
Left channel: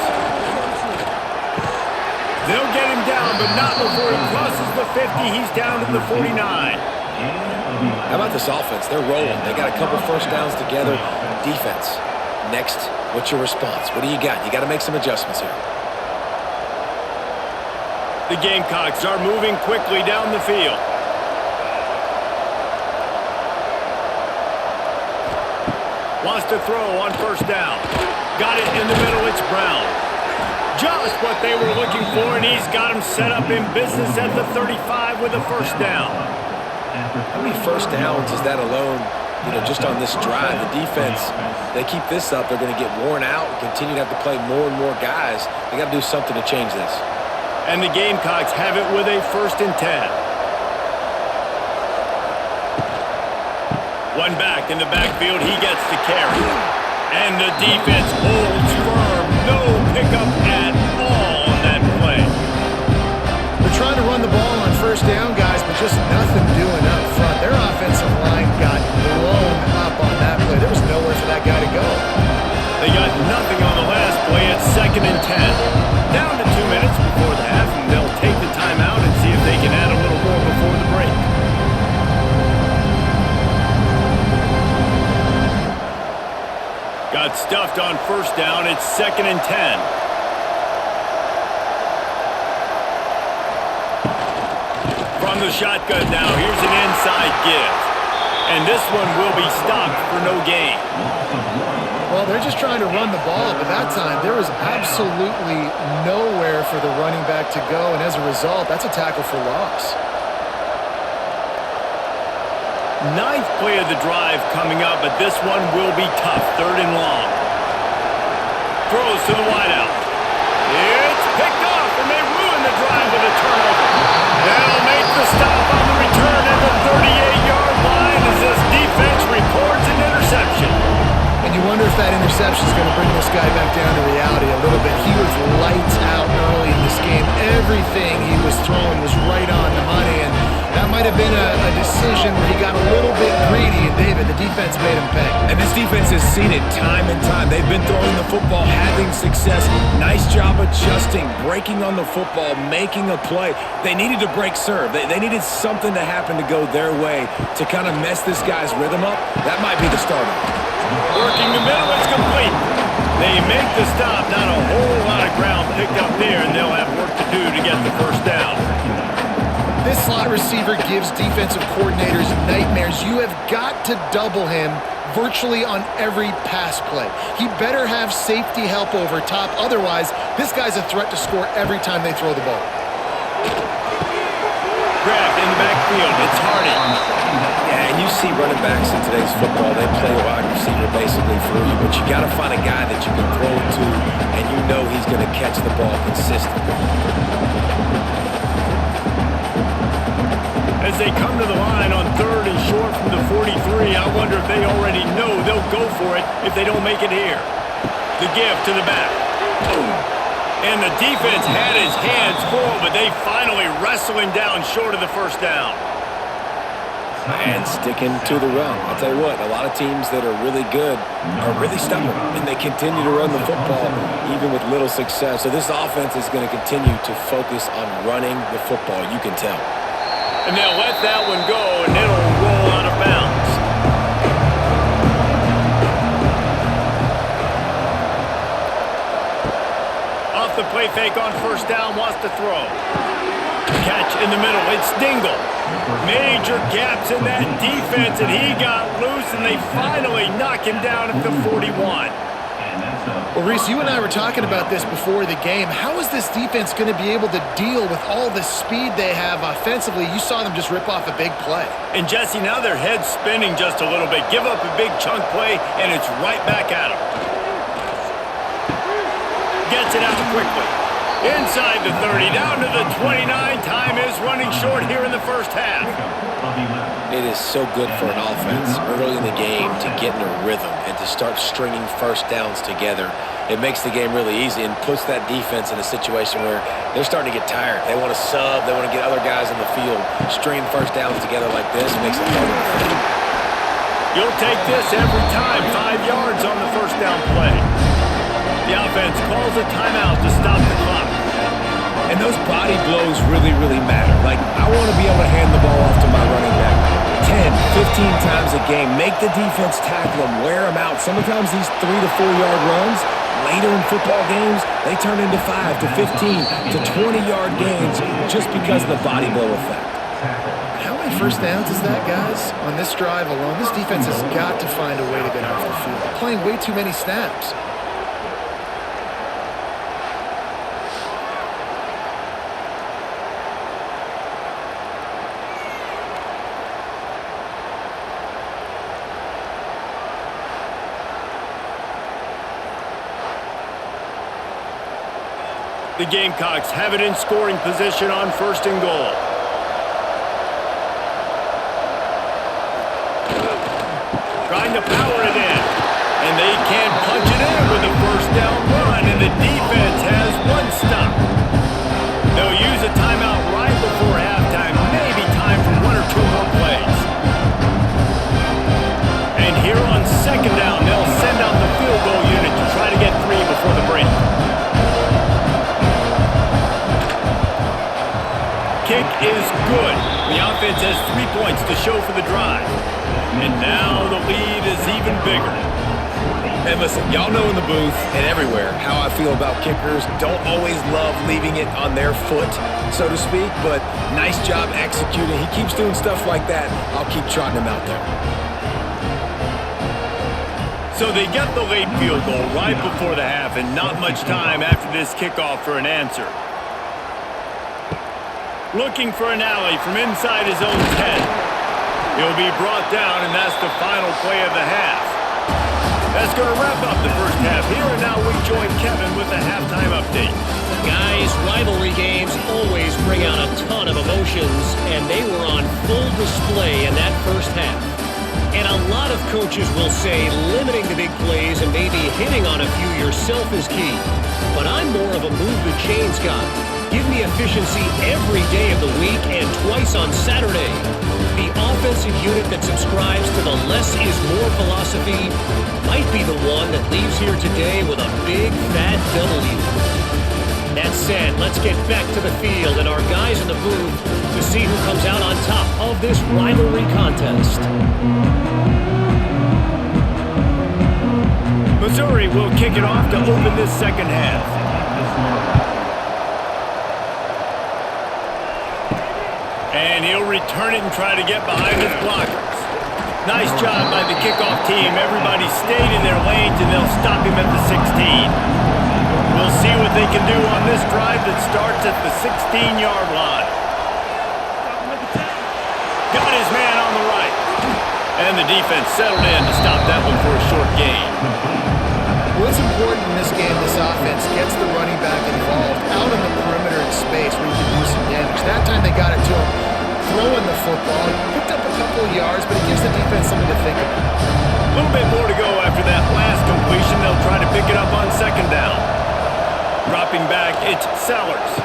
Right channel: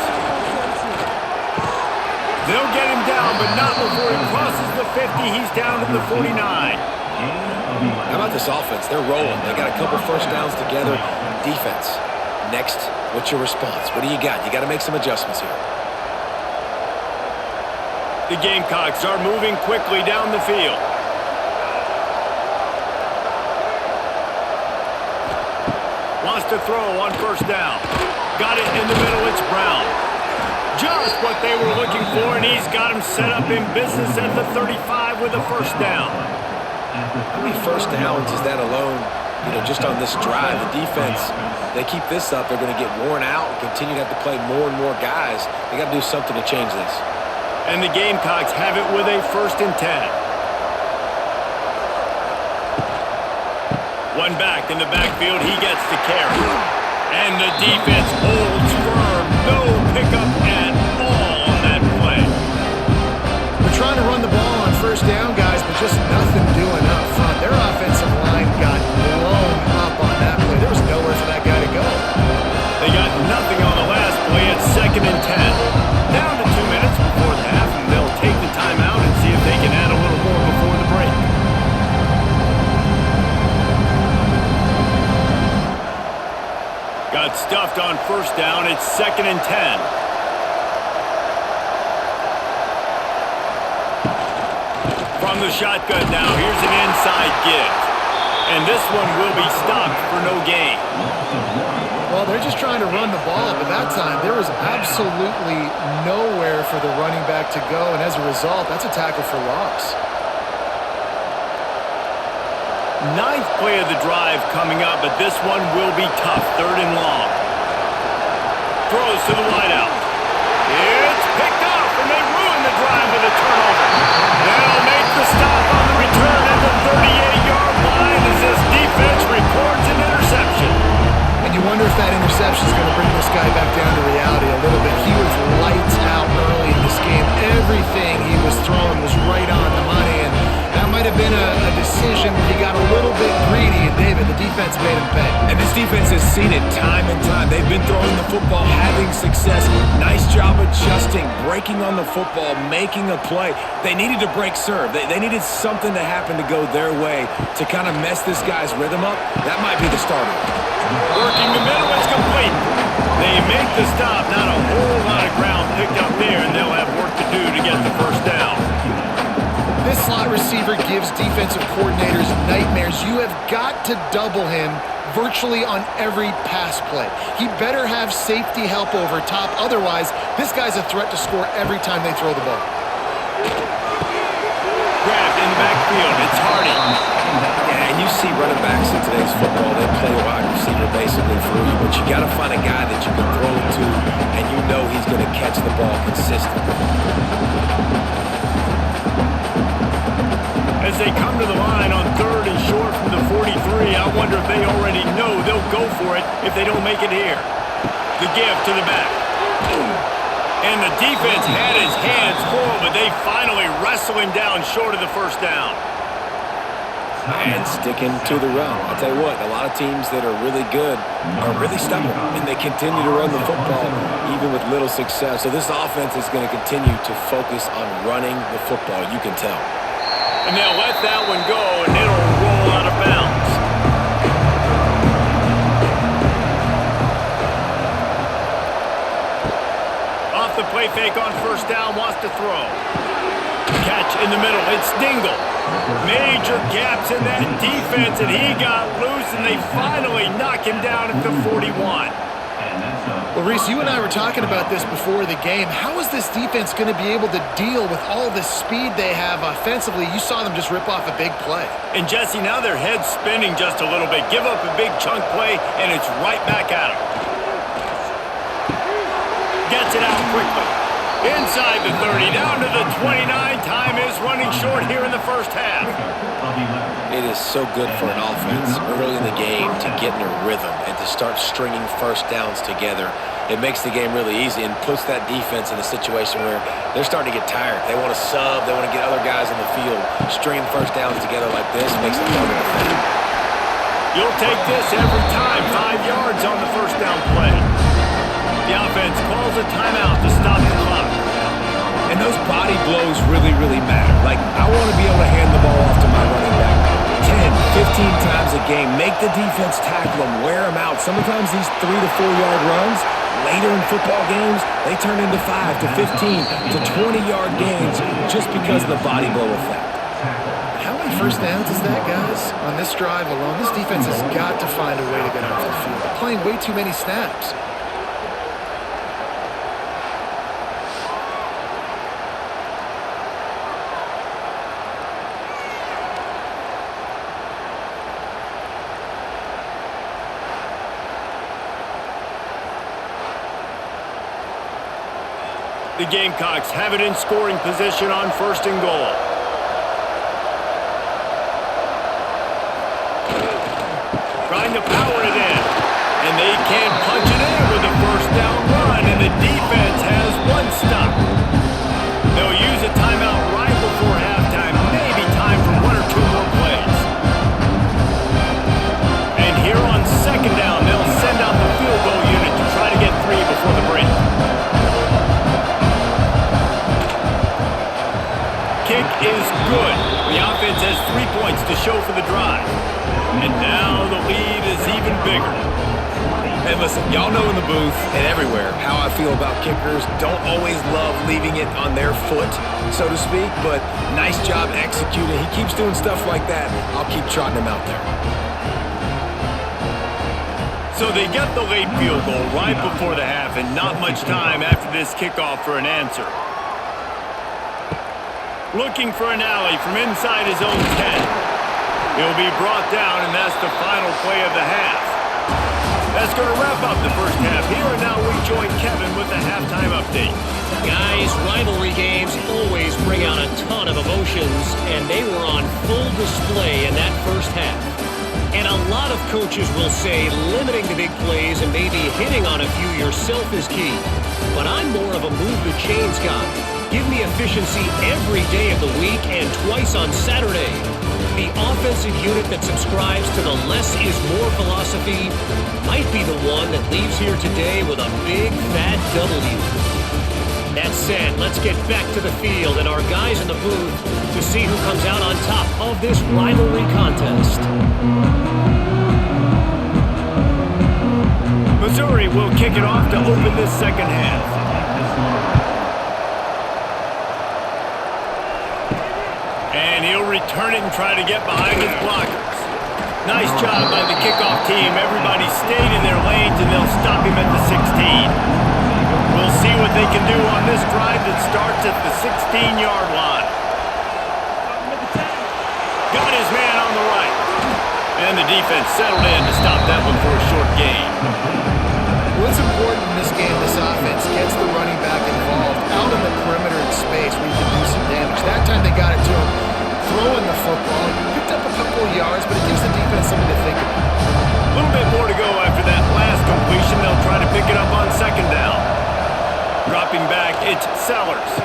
They'll get him down, but not before he crosses the 50. He's down to the 49. How about this offense? They're rolling. They got a couple first downs together. Defense. Next, what's your response? What do you got? You got to make some adjustments here. The Gamecocks are moving quickly down the field. Wants to throw on first down. Got it in the middle. It's Brown. Just what they were looking for, and he's got him set up in business at the 35 with a first down. How many first downs is that alone, just on this drive? The defense, they keep this up, they're going to get worn out and continue to have to play more and more guys. They got to do something to change this. And the Gamecocks have it with a 1st and 10. One back in the backfield, he gets the carry. And the defense holds firm. No pickup at all on that play. They're trying to run the ball on first down, guys, but just nothing doing up front. Their offensive line got blown up on that play. There was nowhere for that guy to go. They got nothing on the last play. It's 2nd and 10. Down to 2 minutes before the half, and they'll take the timeout and see if they can add a little more before the break. Got stuffed on first down. It's 2nd and 10. From the shotgun now, here's an inside give. And this one will be stopped for no gain. Well, they're just trying to run the ball, but that time there was absolutely nowhere for the running back to go, and as a result, that's a tackle for loss. 9th play of the drive coming up, but this one will be tough. 3rd and long. Throws to the wideout. It's picked off, and they ruin the drive with a turnover. They'll make the stop on the return at the 38-yard line as this defense records an interception. And you wonder if that interception is going to bring this guy back down to reality a little bit. He was lights out early in this game. Everything he was throwing was right on the money, and that might have been a decision where he got a little bit greedy, and David, the defense made him pay. And this defense has seen it time and time. They've been throwing the football, having success. Nice job adjusting, breaking on the football, making a play. They needed to break serve. They needed something to happen to go their way to kind of mess this guy's rhythm up. That might be the start of it. Working the middle, it's complete. They make the stop. Not a whole lot of ground picked up there, and they'll have work to do to get the first down. This slot receiver gives defensive coordinators nightmares. You have got to double him virtually on every pass play. He better have safety help over top. Otherwise, this guy's a threat to score every time they throw the ball. Grabbed in the backfield. It's Hardy. Yeah, and you see running backs in today's football, they play wide receiver basically for you, but you got to find a guy that you can throw it to, and you know he's going to catch the ball consistently. As they come to the line on 3rd and short from the 43, I wonder if they already know they'll go for it if they don't make it here. The give to the back. And the defense had his hands full, but they finally wrestle him down short of the first down. And sticking to the run. I'll tell you what, a lot of teams that are really good are really stubborn, and they continue to run the football even with little success. So this offense is going to continue to focus on running the football, you can tell. And they'll let that one go, and it'll roll out of bounds. Off the play fake on first down, wants to throw. Catch in the middle, it's Dingle. Major gaps in that defense, and he got loose, and they finally knock him down at the 41. And that's a Well, Reese, you and I were talking about this before the game. How is this defense going to be able to deal with all the speed they have offensively? You saw them just rip off a big play. And Jesse, now their head's spinning just a little bit. Give up a big chunk play, and it's right back at them. Gets it out quickly. Inside the 30, down to the 29. Time is running short here in the first half. It is so good for an offense early in the game to get in a rhythm and to start stringing first downs together. It makes the game really easy and puts that defense in a situation where they're starting to get tired. They want to sub. They want to get other guys on the field. Stringing first downs together like this makes it harder to defend. You'll take this every time. 5 yards on the first down play. The offense calls a timeout to stop the clock. And those body blows really, really matter. Like, I want to be able to hand the ball off to my running back 10, 15 times a game. Make the defense tackle them, wear them out. Sometimes these 3 to 4 yard runs, later in football games, they turn into 5 to 15 to 20 yard gains just because of the body blow effect. How many first downs is that, guys? On this drive alone, this defense has got to find a way to get off the field. They're playing way too many snaps. The Gamecocks have it in scoring position on 1st and goal. Trying to power it in. And they can punch it in with a first down run, and the defense has one stop. They'll use a timeout right before halftime, maybe time for 1 or 2 more plays. And here on 2nd down, they'll send out the field goal unit to try to get 3 before the break. Kick is good. The offense has 3 points to show for the drive. And now the lead is even bigger. And listen, y'all know in the booth and everywhere how I feel about kickers. Don't always love leaving it on their foot, so to speak, but nice job executing. He keeps doing stuff like that. I'll keep trotting him out there. So they get the late field goal right before the half, and not much time after this kickoff for an answer. Looking for an alley from inside his own 10. He'll be brought down, and that's the final play of the half. That's going to wrap up the first half here, and now we join Kevin with the halftime update. Guys, rivalry games always bring out a ton of emotions, and they were on full display in that first half. And a lot of coaches will say limiting the big plays and maybe hitting on a few yourself is key. But I'm more of a move the chains guy. Give me efficiency every day of the week and twice on Saturday. The offensive unit that subscribes to the less is more philosophy might be the one that leaves here today with a big fat W. That said, let's get back to the field and our guys in the booth to see who comes out on top of this rivalry contest. Missouri will kick it off to open this second half. And he'll return it and try to get behind his blockers. Nice job by the kickoff team. Everybody stayed in their lanes, and they'll stop him at the 16. We'll see what they can do on this drive that starts at the 16-yard line. Got his man on the right. And the defense settled in to stop that one for a short gain. Well, it's important in this game this offense gets the running back involved out in the perimeter in space where you can do some damage. That time they got it to him throwing the football. He picked up a couple of yards, but it gives the defense something to think about. A little bit more to go after that last completion. They'll try to pick it up on 2nd down. Dropping back, it's Sellers.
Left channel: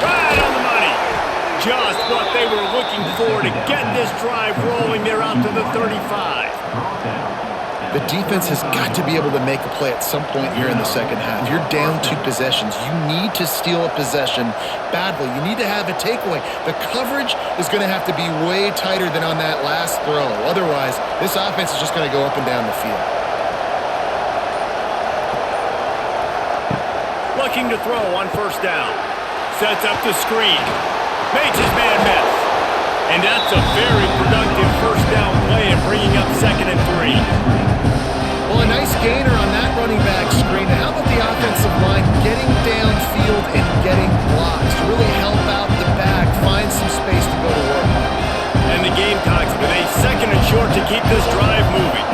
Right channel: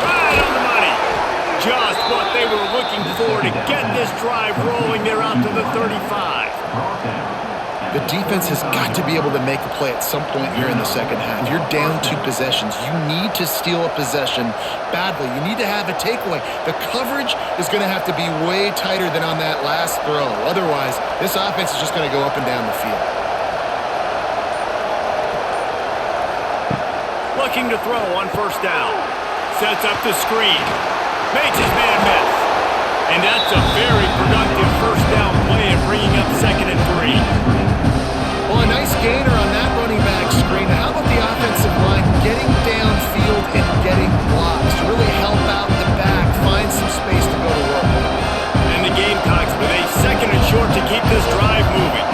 Right on the money. Just what they were looking for to get this drive rolling. They're out to the 35. The defense has got to be able to make a play at some point here in the second half. You're down 2 possessions. You need to steal a possession badly. You need to have a takeaway. The coverage is going to have to be way tighter than on that last throw. Otherwise, this offense is just going to go up and down the field. Looking to throw on 1st down. Sets up the screen. Makes his man miss. And that's a very productive 1st down play and bringing up 2nd and 3. Well, a nice gainer on that running back screen. Now, how about the offensive line getting downfield and getting blocks to really help out the back, find some space to go to work? And the Gamecocks with a 2nd and short to keep this drive moving.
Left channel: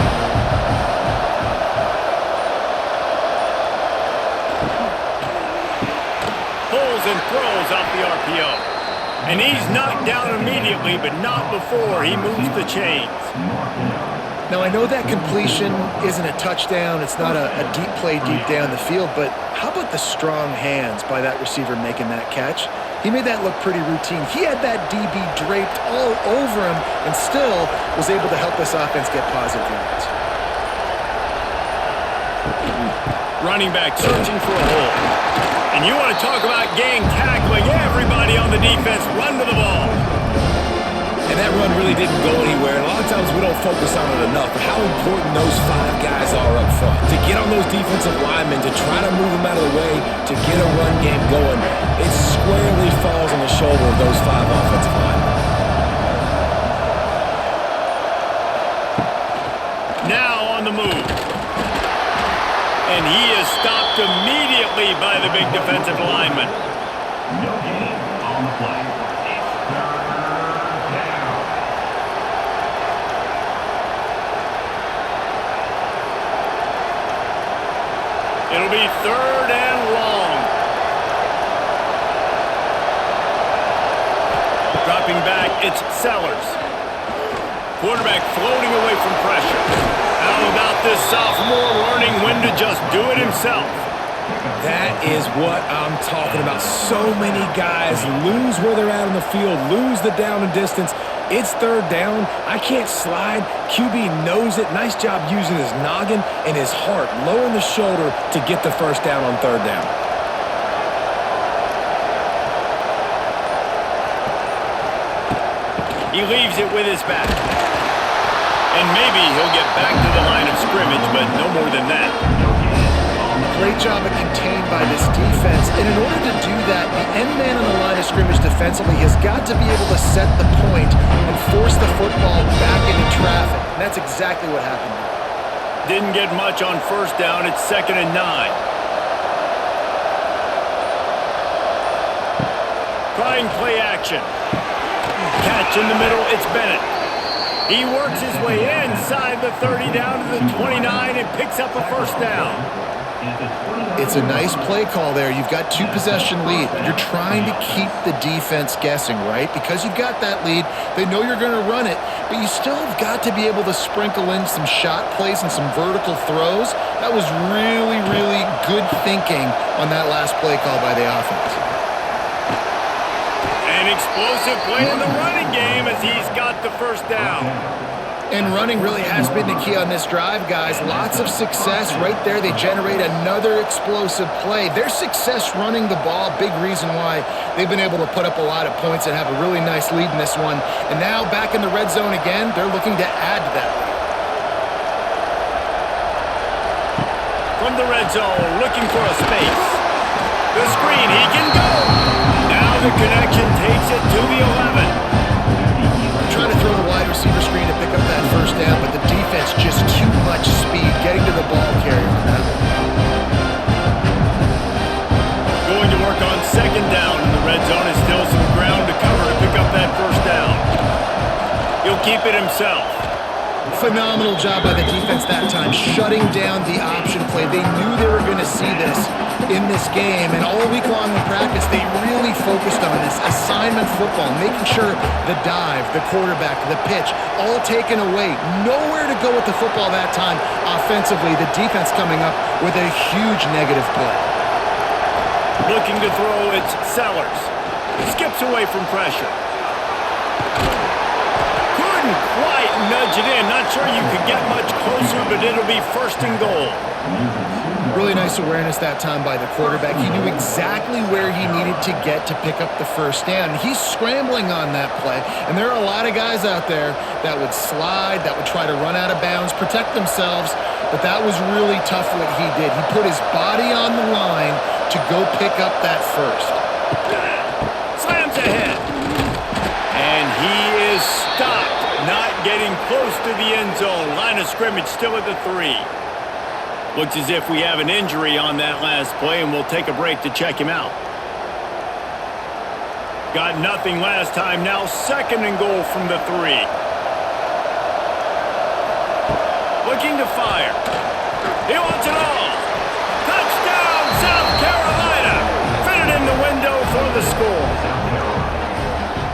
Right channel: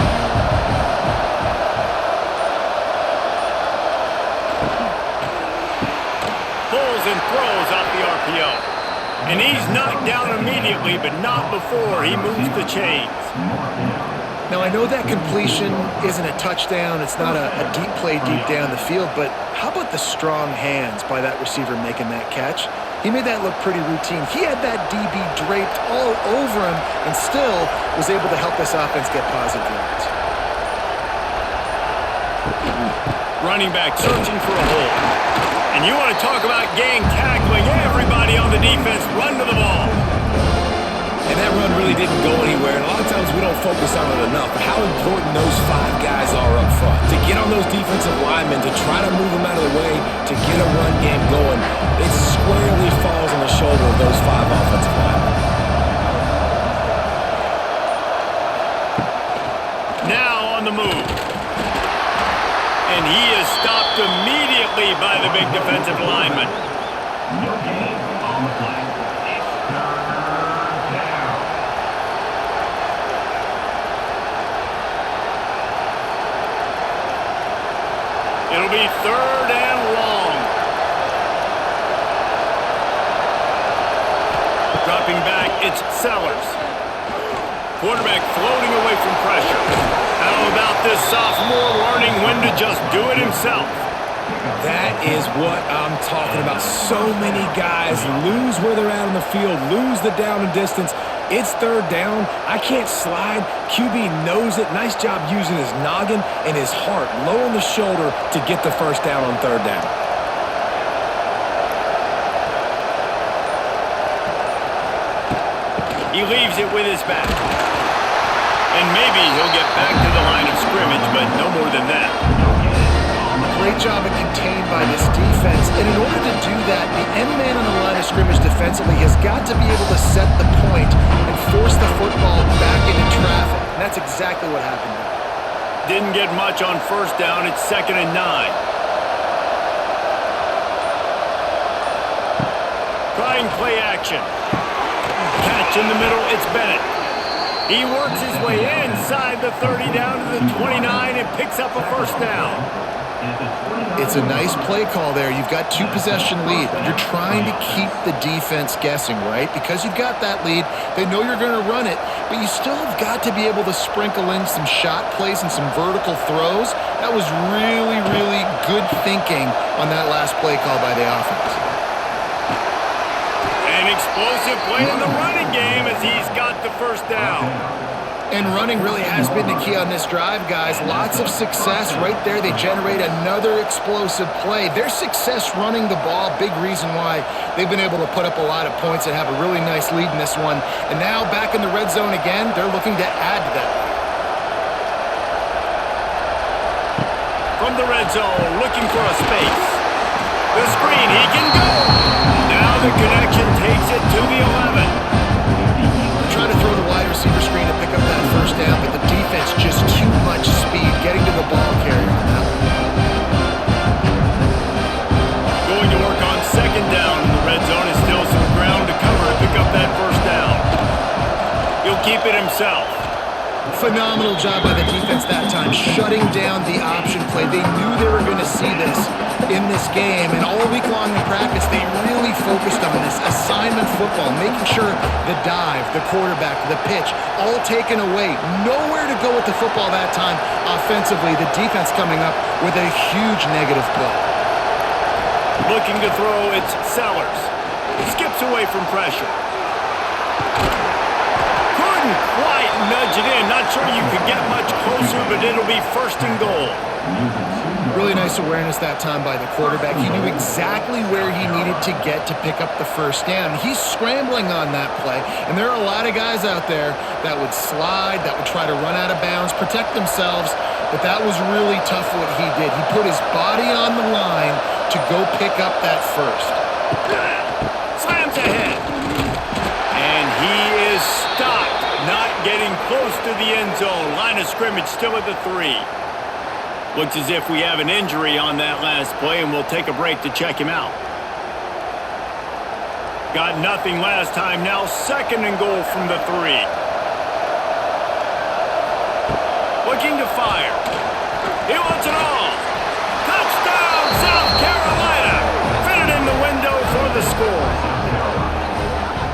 Pulls and throws off the RPO. And he's knocked down immediately, but not before he moves the chains. Now, I know that completion isn't a touchdown. It's not a deep play deep down the field, but how about the strong hands by that receiver making that catch? He made that look pretty routine. He had that DB draped all over him and still was able to help this offense get positive yards. Running back searching for a hole. And you want to talk about gang tackling. Everybody on the defense run to the ball. And that run really didn't go anywhere. And a lot of times we don't focus on it enough. But how important those 5 guys are up front. To get on those defensive linemen, to try to move them out of the way, to get a run game going, it squarely falls on the shoulder of those 5 offensive linemen. Now on the move. And he is stopped immediately by the big defensive lineman. No gain on the play. It's 3rd down. It'll be 3rd and long. Dropping back, it's Sellers. Quarterback floating away from pressure. How about this sophomore learning when to just do it himself? That is what I'm talking about. So many guys lose where they're at on the field, lose the down and distance. It's 3rd down. I can't slide. QB knows it. Nice job using his noggin and his heart, lowering the shoulder to get the 1st down on 3rd down. He leaves it with his back. And maybe he'll get back to the line of scrimmage, but no more than that. Great job of contained by this defense. And in order to do that, the end man on the line of scrimmage defensively has got to be able to set the point and force the football back into traffic. And that's exactly what happened there. Didn't get much on 1st down. It's 2nd and 9. Trying play action. Catch in the middle. It's Bennett. He works his way inside the 30 down to the 29 and picks up a 1st down. It's a nice play call there. You've got 2-possession lead. You're trying to keep the defense guessing, right? Because you've got that lead. They know you're going to run it, but you still have got to be able to sprinkle in some shot plays and some vertical throws. That was really, really good thinking on that last play call by the offense. An explosive play in the running game as he's got the 1st down. And running really has been the key on this drive, guys. Lots of success right there. They generate another explosive play. Their success running the ball, big reason why they've been able to put up a lot of points and have a really nice lead in this one. And now back in the red zone again, they're looking to add to that lead. From the red zone, looking for a space. The screen, he can go. Now the connection takes it to the 11. Trying to throw the wide receiver screen to pick up that 1st down, but the defense just too much speed getting to the ball carrier on that one. Going to work on 2nd down in the red zone, and still some ground to cover to pick up that 1st down. He'll keep it himself. Phenomenal job by the defense that time, shutting down the option play. They knew they were going to see this in this game, and all week long in practice, they really focused on this assignment football, making sure the dive, the quarterback, the pitch, all taken away. Nowhere to go with the football that time offensively. The defense coming up with a huge negative play. Looking to throw, it's Sellers. Skips away from pressure. Couldn't quite nudge it in. Not sure you could get much closer, but it'll be 1st and goal. Really nice awareness that time by the quarterback. He knew exactly where he needed to get to pick up the 1st down. He's scrambling on that play, and there are a lot of guys out there that would slide, that would try to run out of bounds, protect themselves, but that was really tough what he did. He put his body on the line to go pick up that 1st. Slams ahead. And he is stopped, not getting close to the end zone. Line of scrimmage still at the 3. Looks as if we have an injury on that last play, and we'll take a break to check him out. Got nothing last time. Now 2nd and goal from the 3. Looking to fire. He wants it all. Touchdown, South Carolina. Fitted in the window for the score.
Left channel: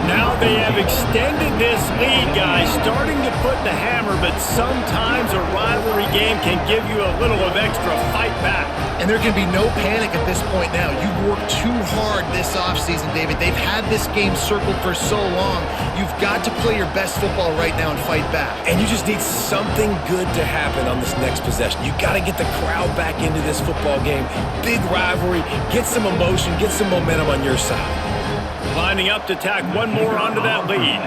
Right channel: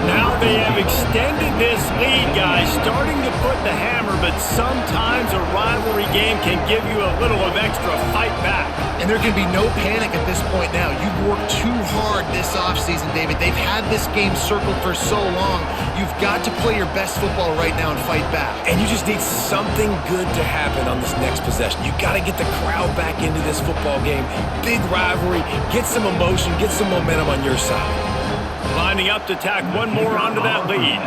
Now they have extended this lead, guys, starting to put the hammer, but sometimes a rivalry game can give you a little of extra fight back. And there can be no panic at this point now. You've worked too hard this offseason, David. They've had this game circled for so long. You've got to play your best football right now and fight back. And you just need something good to happen on this next possession. You got to get the crowd back into this football game. Big rivalry. Get some emotion. Get some momentum on your side. Lining up to tack one more onto that lead.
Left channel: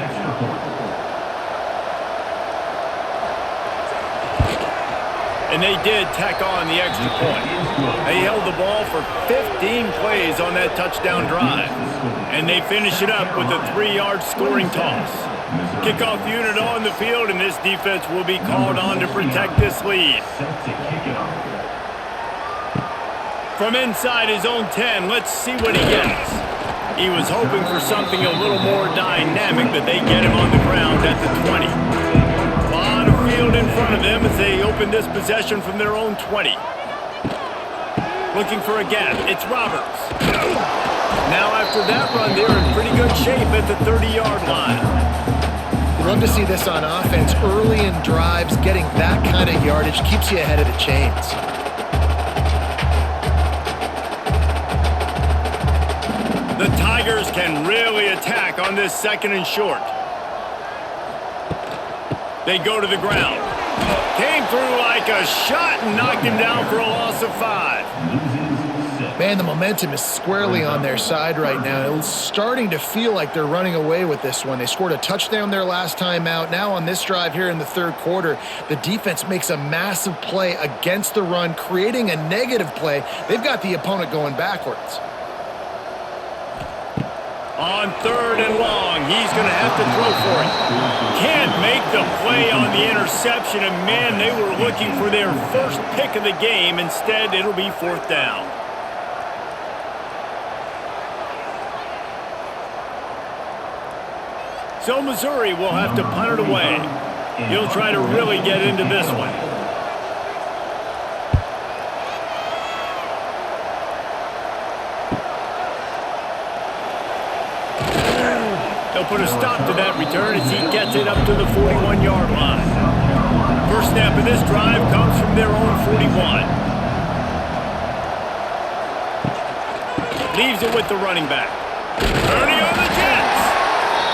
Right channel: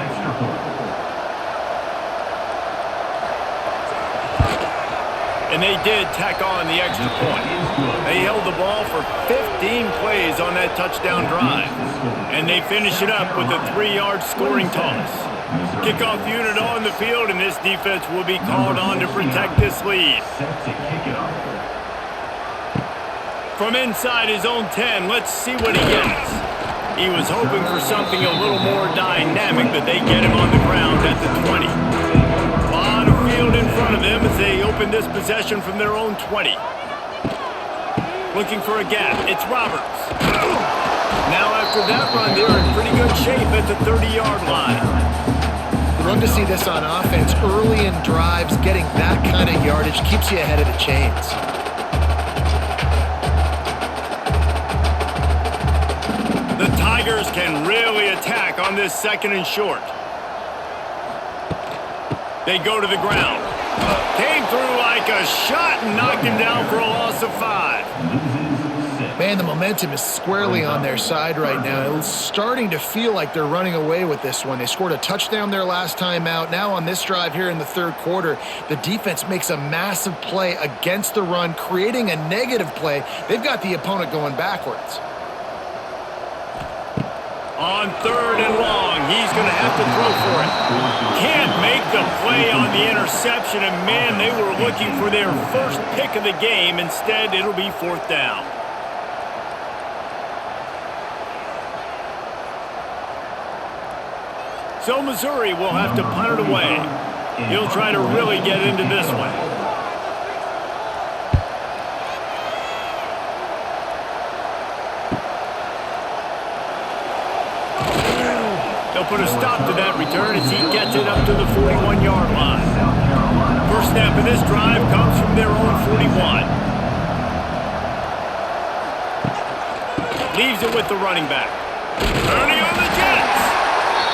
And they did tack on the extra point. They held the ball for 15 plays on that touchdown drive. And they finish it up with a 3-yard scoring toss. Kickoff unit on the field, and this defense will be called on to protect this lead. From inside his own 10, let's see what he gets. He was hoping for something a little more dynamic, but they get him on the ground at the 20. A lot of field in front of them as they open this possession from their own 20. Looking for a gap. It's Roberts. Now after that run, they're in pretty good shape at the 30-yard line. You love to see this on offense. Early in drives, getting that kind of yardage keeps you ahead of the chains. The Tigers can really attack on this 2nd and short. They go to the ground. Came through like a shot and knocked him down for a loss of 5. Man, the momentum is squarely on their side right now. It's starting to feel like they're running away with this one. They scored a touchdown their last time out. Now on this drive here in the 3rd quarter, the defense makes a massive play against the run, creating a negative play. They've got the opponent going backwards. On 3rd and long, he's going to have to throw for it. Can't make the play on the interception, and man, they were looking for their first pick of the game. Instead, it'll be 4th down. So Missouri will have to punt it away. He'll try to really get into this one. They'll put a stop to that return as he gets it up to the 41-yard line. First snap of this drive comes from their own 41. Leaves it with the running back. Turning on the Jets.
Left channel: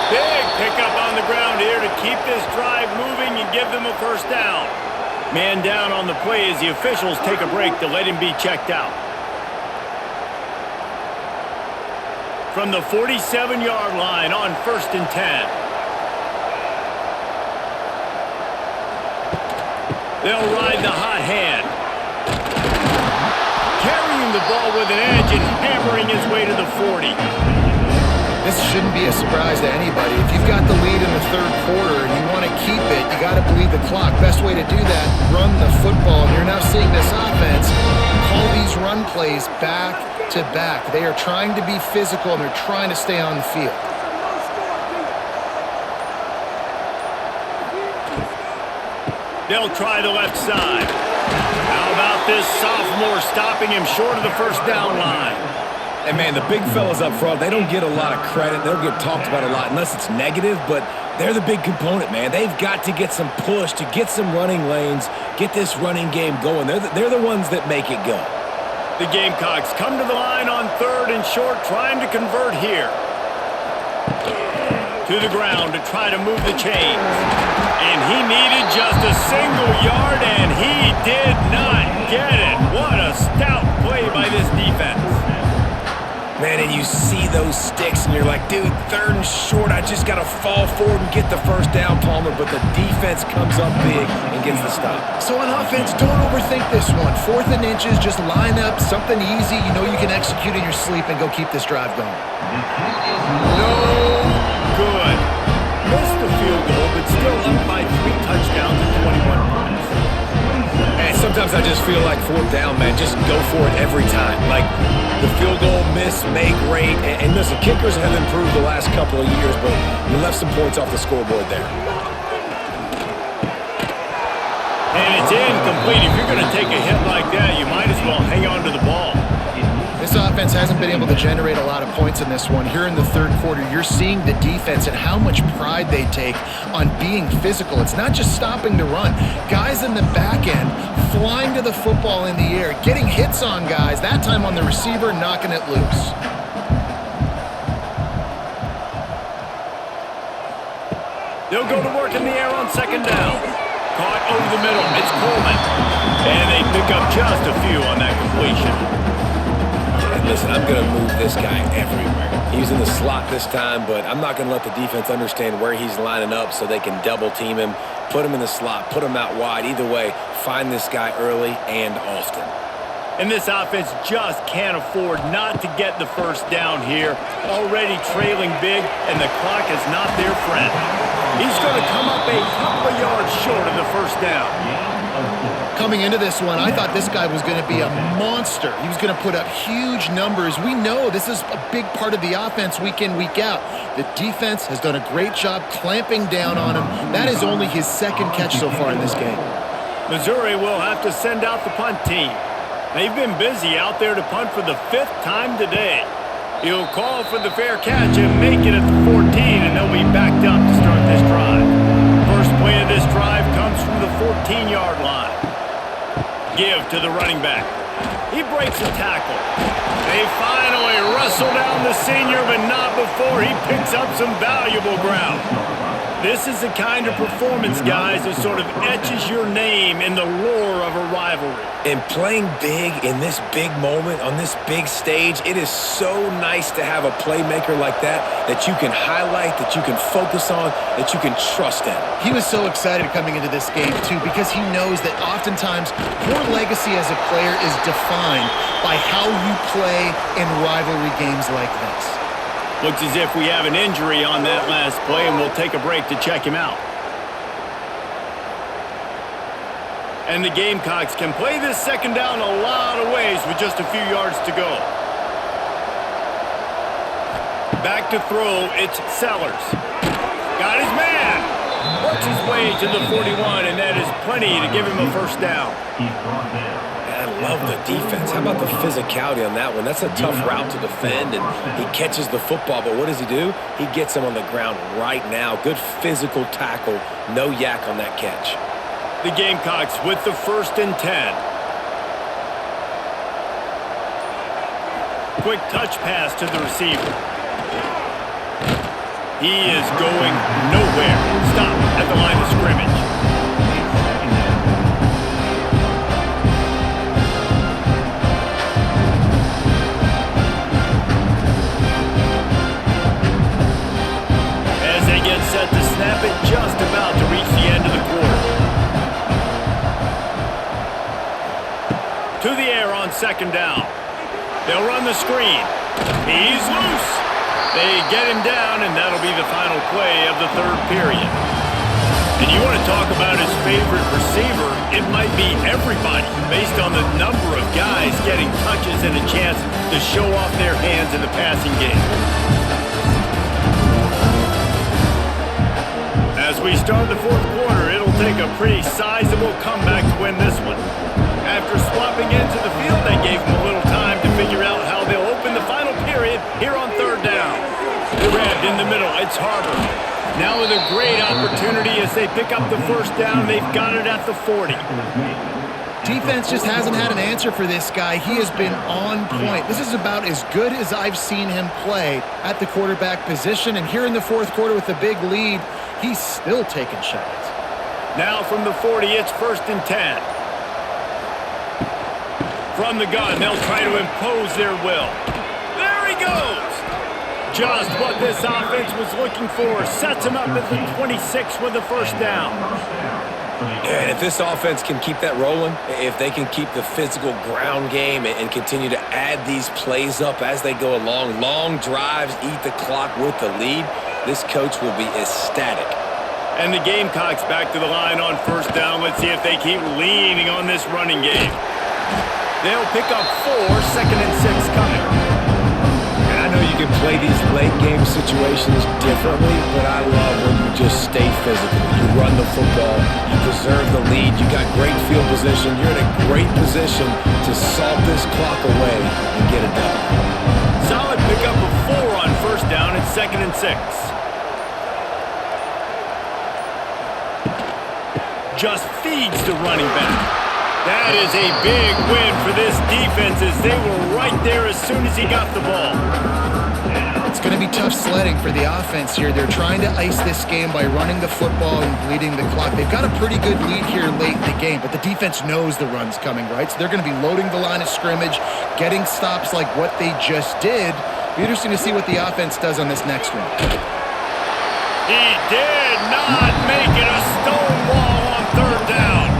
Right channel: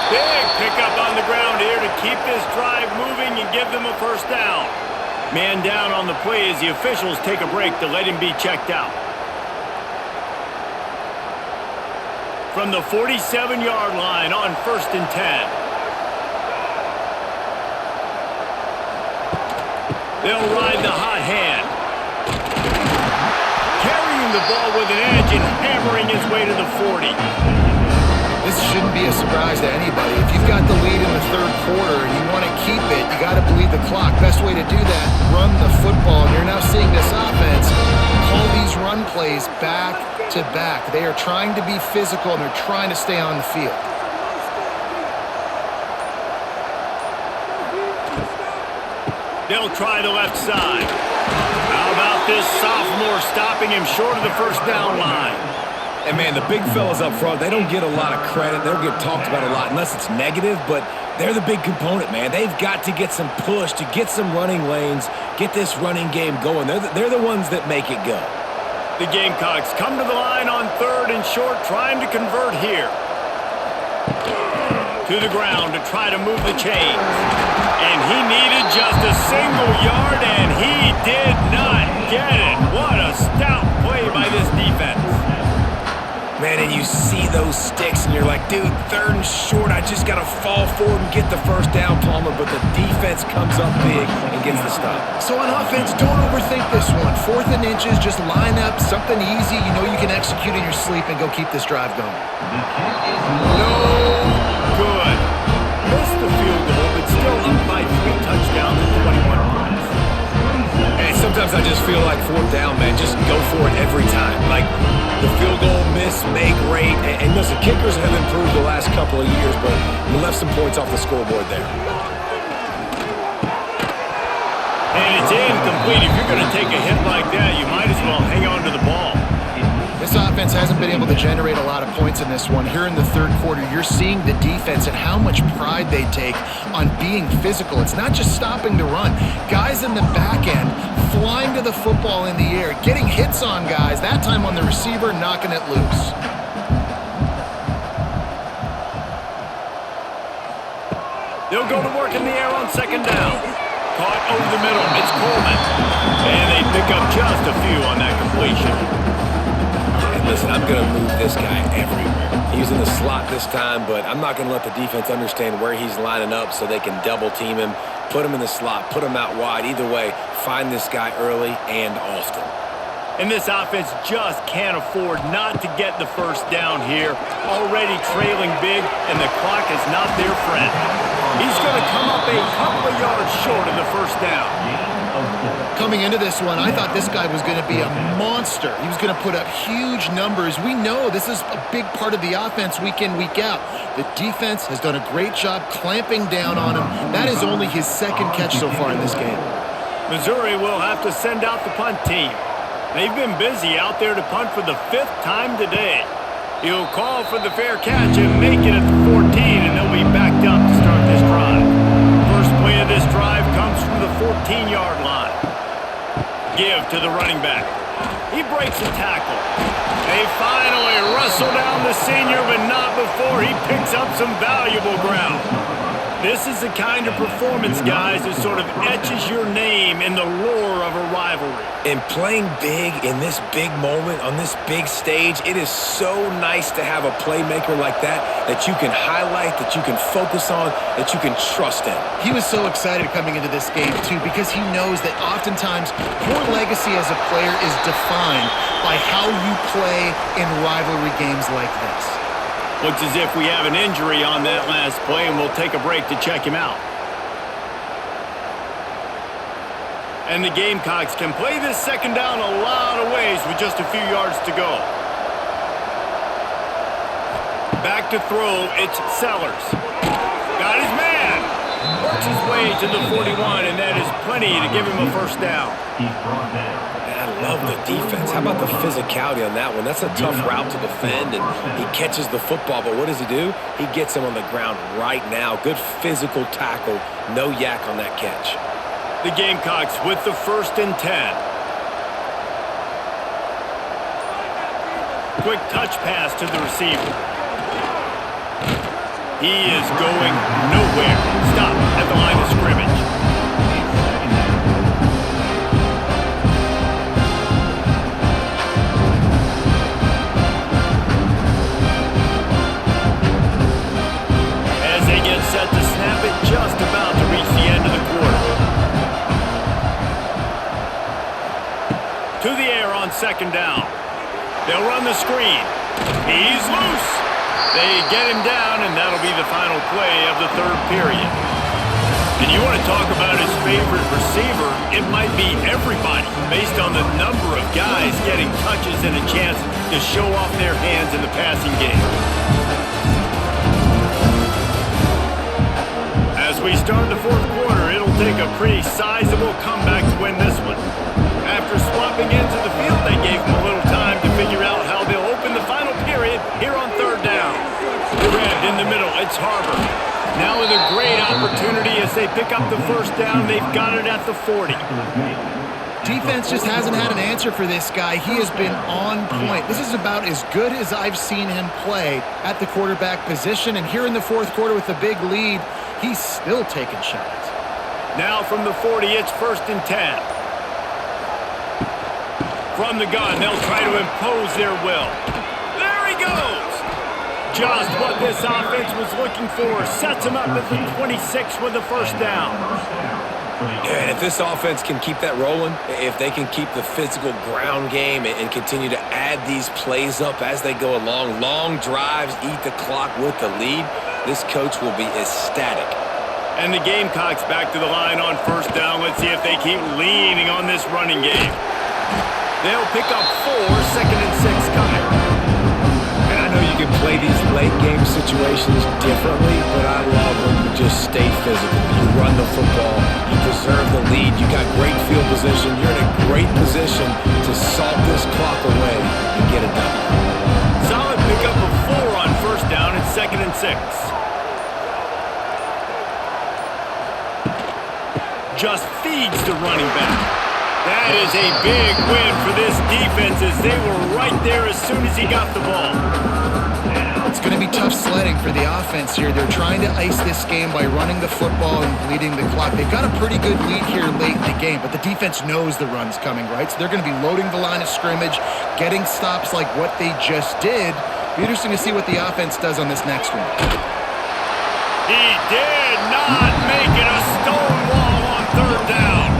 Big pickup on the ground here to keep this drive moving and give them a 1st down. Man down on the play as the officials take a break to let him be checked out. From the 47-yard line on 1st and 10. They'll ride the hot hand. Carrying the ball with an edge and hammering his way to the 40. This shouldn't be a surprise to anybody. If you've got the lead in the 3rd quarter and you want to keep it, you got to bleed the clock. Best way to do that, run the football. And you're now seeing this offense call these run plays back to back. They are trying to be physical and they're trying to stay on the field. They'll try the left side. How about this sophomore stopping him short of the 1st down line? And, man, the big fellas up front, they don't get a lot of credit. They don't get talked about a lot unless it's negative, but they're the big component, man. They've got to get some push, to get some running lanes, get this running game going. They're the ones that make it go. The Gamecocks come to the line on 3rd and short, trying to convert here. To the ground to try to move the chains. And he needed just a single yard, and he did not get it. What a stout play by this defense. Man, and you see those sticks, and you're like, dude, 3rd and short, I just got to fall forward and get the 1st down, Palmer, but the defense comes up big and gets the stop. So on offense, don't overthink this one. 4th and inches, just line up, something easy you know you can execute in your sleep and go keep this drive going. No good. Missed the field goal, but still up by 3 touchdowns and 21 points. And it's Sometimes I just feel like fourth down, man, just go for it every time. Like the field goal miss, make rate. And listen, kickers have improved the last couple of years, but you left some points off the scoreboard there. And it's incomplete. If you're going to take a hit like that, you might as well hang on to the ball. This offense hasn't been able to generate a lot of points in this one. Here in the third quarter, you're seeing the defense and how much pride they take on being physical. It's not just stopping the run. Guys in the back end flying to the football in the air, getting hits on guys, that time on the receiver, knocking it loose. They'll go to work in the air on second down. Caught over the middle. It's Coleman. And they pick up just a few on that completion. And listen, I'm going to move this guy everywhere. He's in the slot this time, but I'm not going to let the defense understand where he's lining up so they can double team him, put him in the slot, put him out wide. Either way, find this guy early and often. And this offense just can't afford not to get the first down here. Already trailing big, and the clock is not their friend. He's going to come up a couple of yards short of the first down. Coming into this one, I thought this guy was going to be a monster. He was going to put up huge numbers. We know this is a big part of the offense week in, week out. The defense has done a great job clamping down on him. That is only his second catch so far in this game. Missouri will have to send out the punt team. They've been busy out there to punt for the 5th time today. He'll call for the fair catch and make it at the 14, and they'll be backed up to start this drive. First play of this drive comes from the 14-yard line. Give to the running back. He breaks a tackle. They finally wrestle down the senior, but not before he picks up some valuable ground. This is the kind of performance, guys, that sort of etches your name in the lore of a rivalry. And playing big in this big moment, on this big stage, it is so nice to have a playmaker like that you can highlight, that you can focus on, that you can trust in. He was so excited coming into this game, too, because he knows that oftentimes your legacy as a player is defined by how you play in rivalry games like this. Looks as if we have an injury on that last play, and we'll take a break to check him out. And the Gamecocks can play this second down a lot of ways with just a few yards to go. Back to throw, it's Sellers. Got his man. Works his way to the 41, and that is plenty to give him a first down. He's brought down. I love the defense. How about the physicality on that one? That's a tough route to defend, and he catches the football, but what does he do? He gets him on the ground right now. Good physical tackle. No yak on that catch. The Gamecocks with the 1st and 10. Quick touch pass to the receiver. He is going nowhere. Stop at the line of scrimmage. As they get set to snap it, just about to reach the end of the quarter. To the air on second down. They'll run the screen. He's loose. They get him down, and that'll be the final play of the third period. And you want to talk about his favorite receiver, it might be everybody, based on the number of guys getting touches and a chance to show off their hands in the passing game. As we start the fourth quarter, it'll take a pretty sizable comeback to win this one. After swapping into the field, they gave him a little time to figure out how they'll open the final period here on third down. Grabbed in the middle, it's Harbor. Now with a great opportunity as they pick up the first down, they've got it at the 40. Defense just hasn't had an answer for this guy. He has been on point. This is about as good as I've seen him play at the quarterback position. And here in the fourth quarter with a big lead, he's still taking shots. Now from the 40, it's 1st and 10. From the gun, they'll try to impose their will. There he goes! Just what this offense was looking for. Sets him up at the 26 with the first down. Yeah, and if this offense can keep that rolling, if they can keep the physical ground game and continue to add these plays up as they go along, long drives, eat the clock with the lead, this coach will be ecstatic. And the Gamecocks back to the line on first down. Let's see if they keep leaning on this running game. They'll pick up 4, 2nd and 6 coming. And I know you can play these late game situations differently, but I love when you just stay physical. You run the football, you preserve the lead, you got great field position, you're in a great position to salt this clock away and get a W. Solid pickup of 4 on first down and 2nd and 6. Just feeds the running back. That is a big win for this defense as they were right there as soon as he got the ball. It's going to be tough sledding for the offense here. They're trying to ice this game by running the football and bleeding the clock. They've got a pretty good lead here late in the game, but the defense knows the run's coming, right? So they're going to be loading the line of scrimmage, getting stops like what they just did. Be interesting to see what the offense does on this next one. He did not make it a stone wall on third down.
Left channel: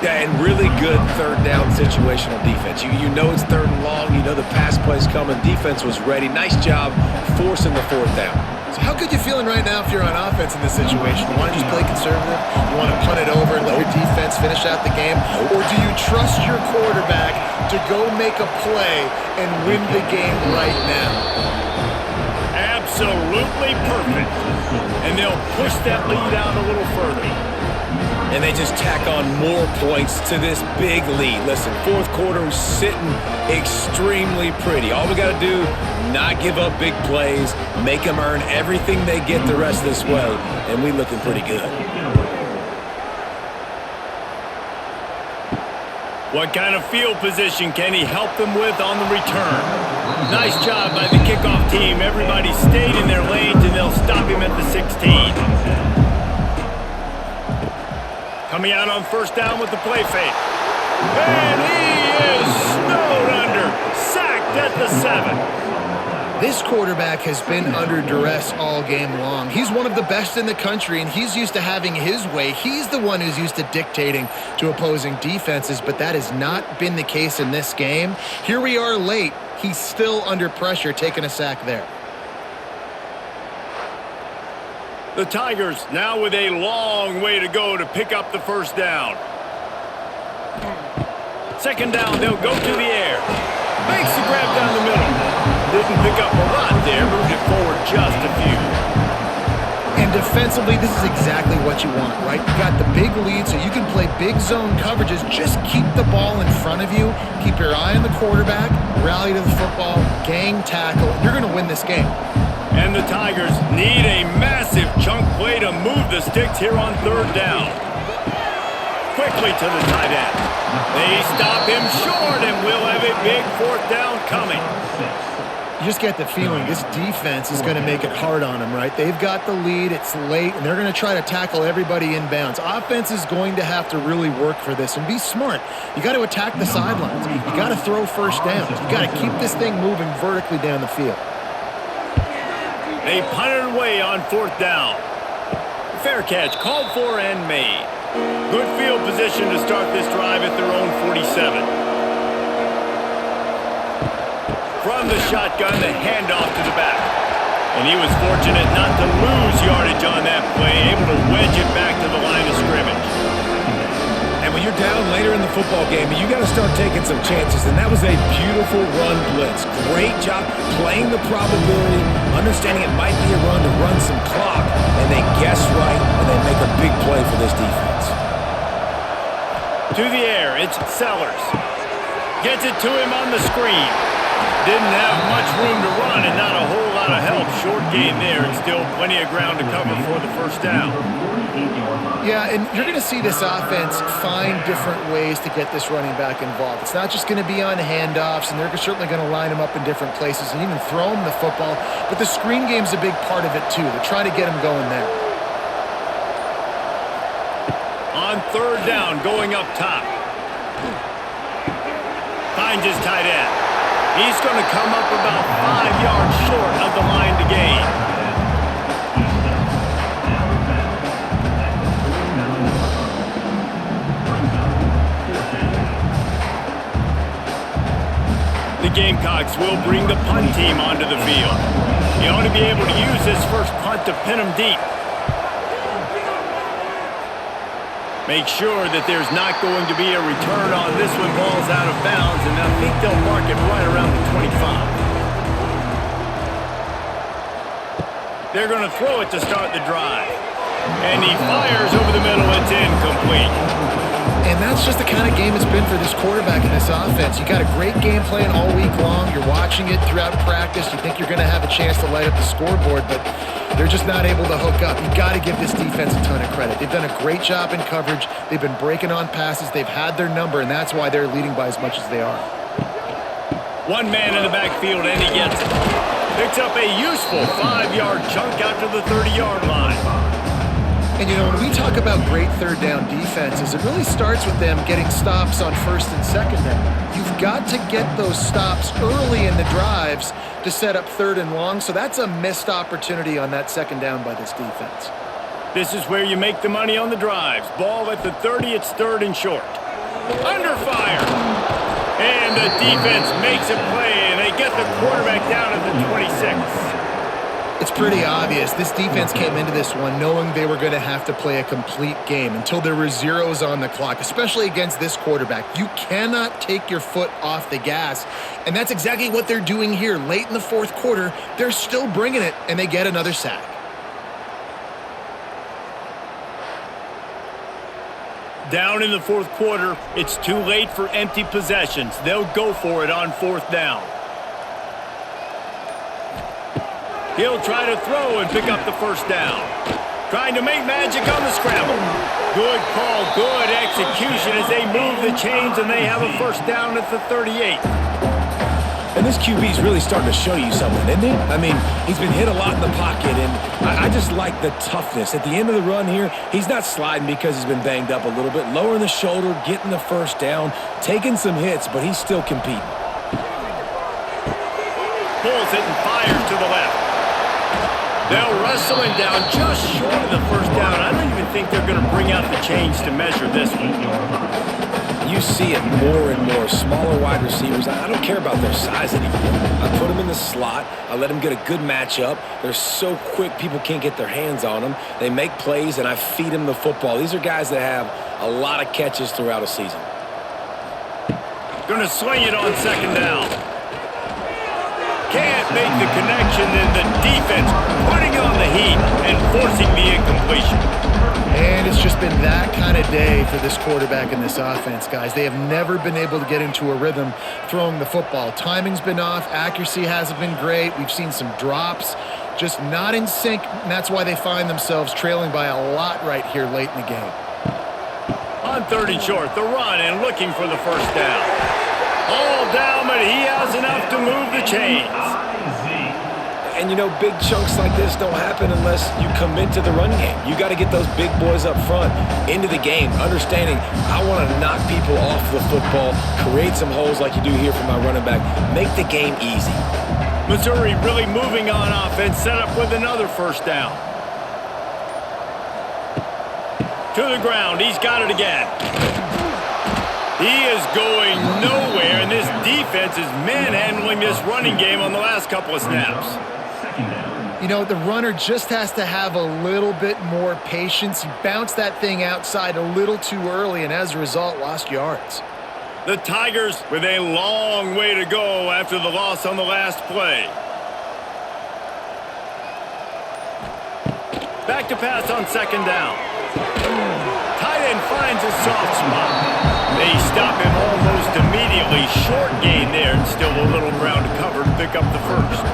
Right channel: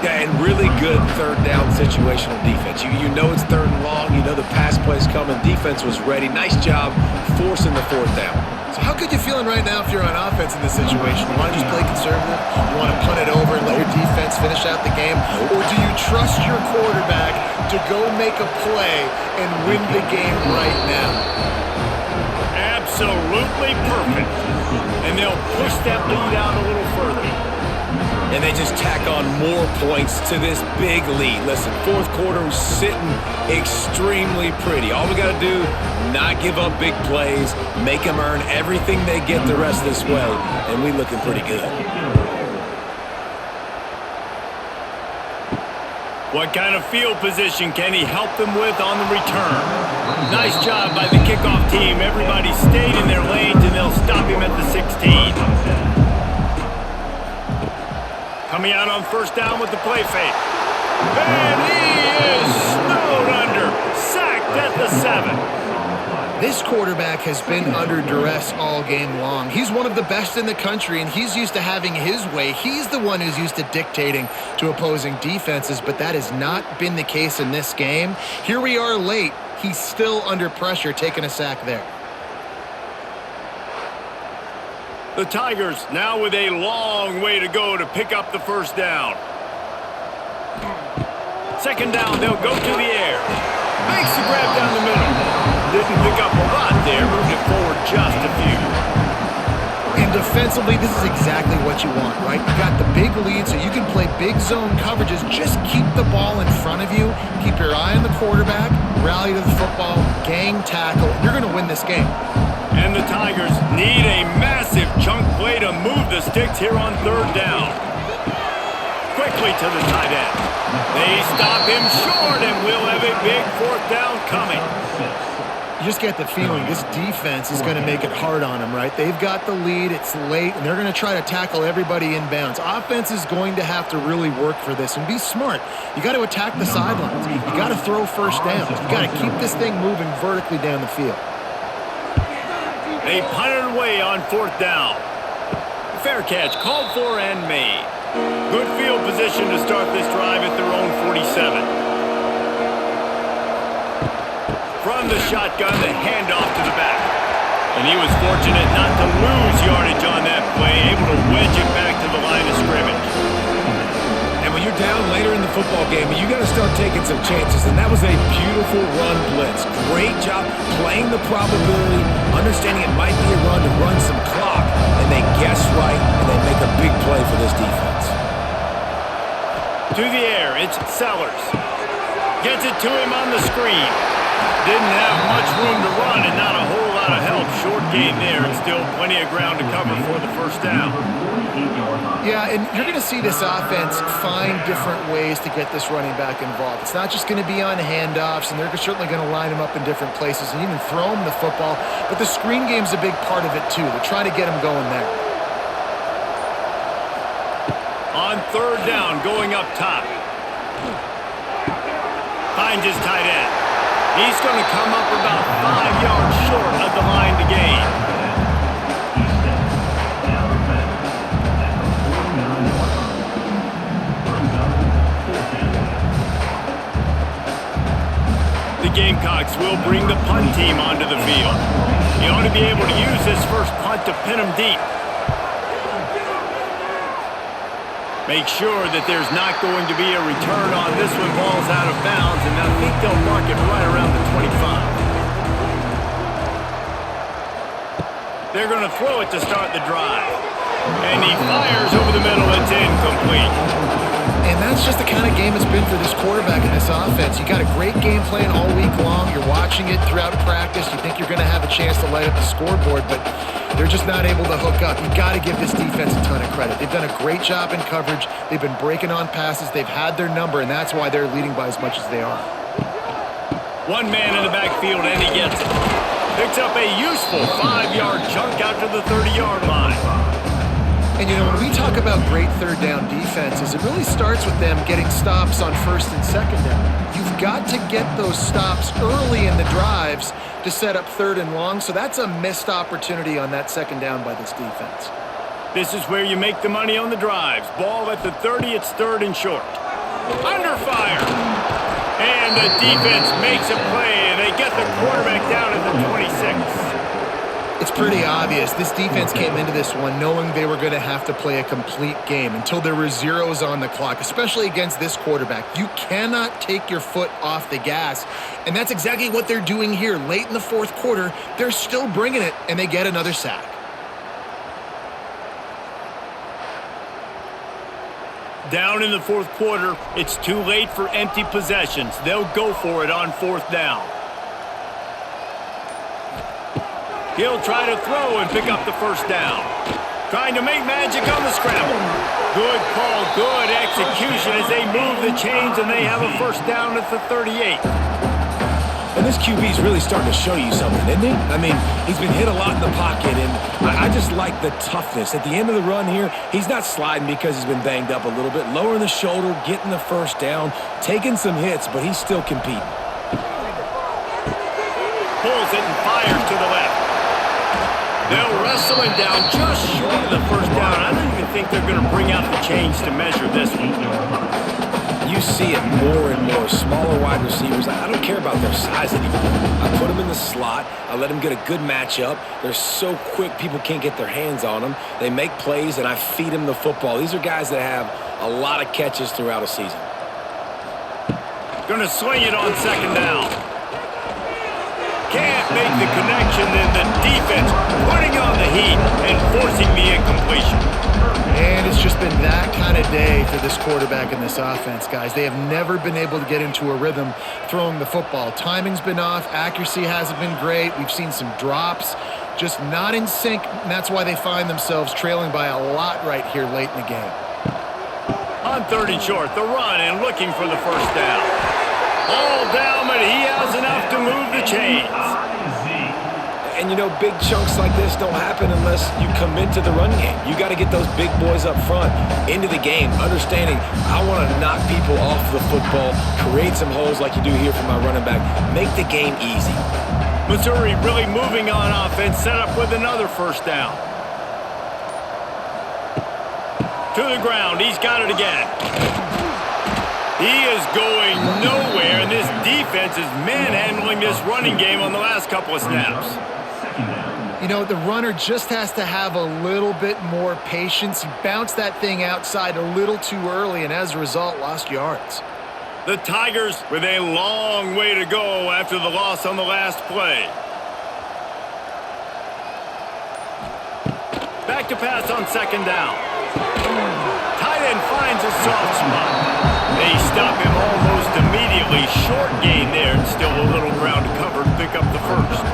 Yeah, and really good third down situational defense. You know it's 3rd and long. You know the pass play's coming. Defense was ready. Nice job forcing the 4th down. So how good you feeling right now if you're on offense in this situation? You want to just play conservative? You want to punt it over and let your defense finish out the game? Or do you trust your quarterback to go make a play and win the game right now? Absolutely perfect. And they'll push that lead out a little further. And they just tack on more points to this big lead. Listen, 4th quarter was sitting extremely pretty. All we got to do, not give up big plays, make them earn everything they get the rest of this way, and we looking pretty good. What kind of field position can he help them with on the return? Nice job by the kickoff team. Everybody stayed in their lanes, and they'll stop him at the 16. Coming out on first down with the play fake. And he is snowed under. Sacked at the 7. This quarterback has been under duress all game long. He's one of the best in the country, and he's used to having his way. He's the one who's used to dictating to opposing defenses, but that has not been the case in this game. Here we are late. He's still under pressure, taking a sack there. The Tigers now with a long way to go to pick up the first down. 2nd down, they'll go to the air. Makes the grab down the middle. Didn't pick up a lot there, moved it forward just a few. And defensively, this is exactly what you want, right? You got the big lead, so you can play big zone coverages. Just keep the ball in front of you. Keep your eye on the quarterback. Rally to the football. Gang tackle. You're going to win this game. And the Tigers need a massive chunk play to move the sticks here on 3rd down. Quickly to the tight end. They stop him short, and we'll have a big 4th down coming. You just get the feeling this defense is going to make it hard on them, right? They've got the lead, it's late, and they're going to try to tackle everybody inbounds. Offense is going to have to really work for this and be smart. You got to attack the sidelines. You got to throw first downs. You got to keep this thing moving vertically down the field. They punted away on 4th down. Fair catch called for and made. Good field position to start this drive at their own 47. From the shotgun, the handoff to the back. And he was fortunate not to lose yardage on that play, able to wedge it back to the line of scrimmage. And when you're down later in the football game, you got to start taking some chances. And that was a beautiful run blitz. Great job playing the probability, understanding it might be a run to run some clock. And they guess right, and they make a big play for this defense. To the air, it's Sellers. Gets it to him on the screen. Didn't have much room to run and not a whole lot of help. Short gain there and still plenty of ground to cover for the first down. Yeah, and you're going to see this offense find different ways to get this running back involved. It's not just going to be on handoffs, and they're certainly going to line him up in different places and even throw him the football. But the screen game's a big part of it, too. They're trying to get him going there. On 3rd down, going up top. Finds his tight end. He's going to come up about 5 yards short of the line to gain. The Gamecocks will bring the punt team onto the field. He ought to be able to use his first punt to pin him deep. Make sure that there's not going to be a return on this when ball's out of bounds, and I think they'll mark it right around the 25. They're going to throw it to start the drive. And he fires over the middle. It's incomplete. And that's just the kind of game it's been for this quarterback in this offense. You got a great game plan all week long. You're watching it throughout practice. You think you're going to have a chance to light up the scoreboard, but they're just not able to hook up. You got to give this defense a ton of credit. They've done a great job in coverage. They've been breaking on passes. They've had their number, and that's why they're leading by as much as they are. One man in the backfield, and he gets it. Picks up a useful 5-yard chunk out to the 30-yard line. And, you know, when we talk about great third down defenses, it really starts with them getting stops on first and second down. You've got to get those stops early in the drives to set up third and long, so that's a missed opportunity on that second down by this defense. This is where you make the money on the drives. Ball at the 30, it's third and short. Under fire. And the defense makes a play, and they get the quarterback down at the 26. It's pretty obvious. This defense came into this one knowing they were going to have to play a complete game until there were zeros on the clock, especially against this quarterback. You cannot take your foot off the gas, and that's exactly what they're doing here. Late in the fourth quarter, they're still bringing it, and they get another sack. Down in the fourth quarter, it's too late for empty possessions. They'll go for it on fourth down. He'll try to throw and pick up the first down. Trying to make magic on the scramble. Good call, good execution as they move the chains, and they have a first down at the 38. And this QB's really starting to show you something, isn't he? I mean, he's been hit a lot in the pocket, and I just like the toughness. At the end of the run here, he's not sliding because he's been banged up a little bit. Lowering the shoulder, getting the first down, taking some hits, but he's still competing. Pulls it and fires to the left. They'll wrestle him down just short of the first down. I don't even think they're going to bring out the chains to measure this one. You see it more and more. Smaller wide receivers. I don't care about their size anymore. I put them in the slot. I let them get a good matchup. They're so quick, people can't get their hands on them. They make plays, and I feed them the football. These are guys that have a lot of catches throughout a season. Going to swing it on second down. Can't make the connection, and the defense putting on the heat and forcing the incompletion. And it's just been that kind of day for this quarterback in this offense, guys. They have never been able to get into a rhythm throwing the football. Timing's been off. Accuracy hasn't been great. We've seen some drops, just not in sync, and that's why they find themselves trailing by a lot right here late in the game. On third and short, the run and looking for the first down. All down, but he has enough to move the chains. And, you know, big chunks like this don't happen unless you commit to the run game. You got to get those big boys up front into the game, understanding I want to knock people off the football, create some holes like you do here for my running back, make the game easy. Missouri really moving on offense, set up with another first down. To the ground, he's got it again. He is going nowhere, and this defense is manhandling this running game on the last couple of snaps. You know, the runner just has to have a little bit more patience. He bounced that thing outside a little too early, and as a result, lost yards. The Tigers with a long way to go after the loss on the last play. Back to pass on second down. Tight end finds a soft spot. They stop him almost immediately. Short gain there, and still a little ground to cover to pick up the first.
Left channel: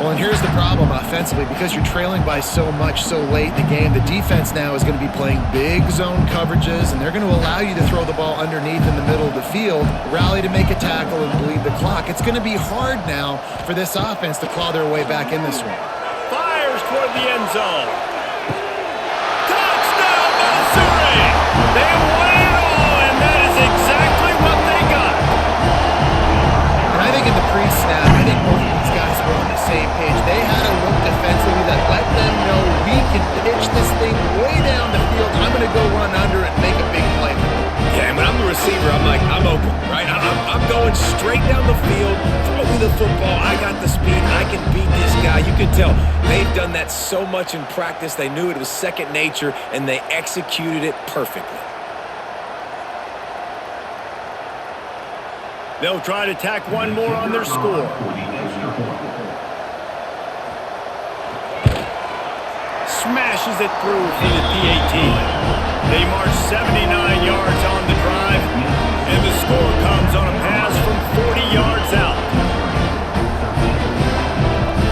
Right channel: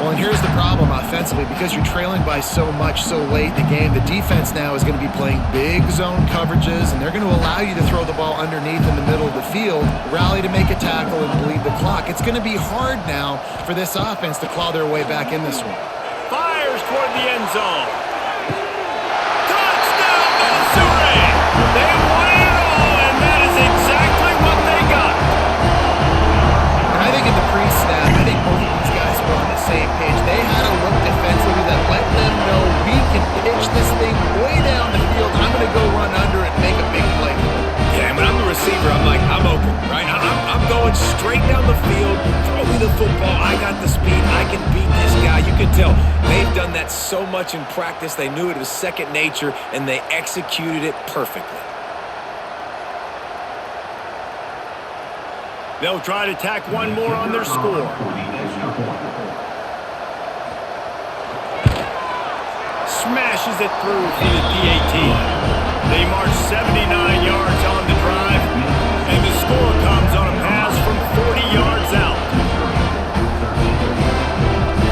Well, and here's the problem offensively. Because you're trailing by so much so late in the game, the defense now is going to be playing big zone coverages, and they're going to allow you to throw the ball underneath in the middle of the field, rally to make a tackle, and bleed the clock. It's going to be hard now for this offense to claw their way back in this one. Fires toward the end zone. Touchdown, Missouri! They won it all, and that is exactly what they got. And I think in the pre-snap, I think both of these guys were on the same page. They had a look defensively that let them know we can pitch this thing way down the field. I'm going to go run under it and make a big play for it. Yeah, and when I'm the receiver, I'm like, I'm open, right? I'm going straight down the field. Throw me the football. I got the speed. I can beat this guy. You can tell they've done that so much in practice. They knew it was second nature, and they executed it perfectly. They'll try to tack one more on their score. For the extra point. Smashes it through for the PAT. They march 79 yards on the drive, and the score comes on a pass from 40 yards out.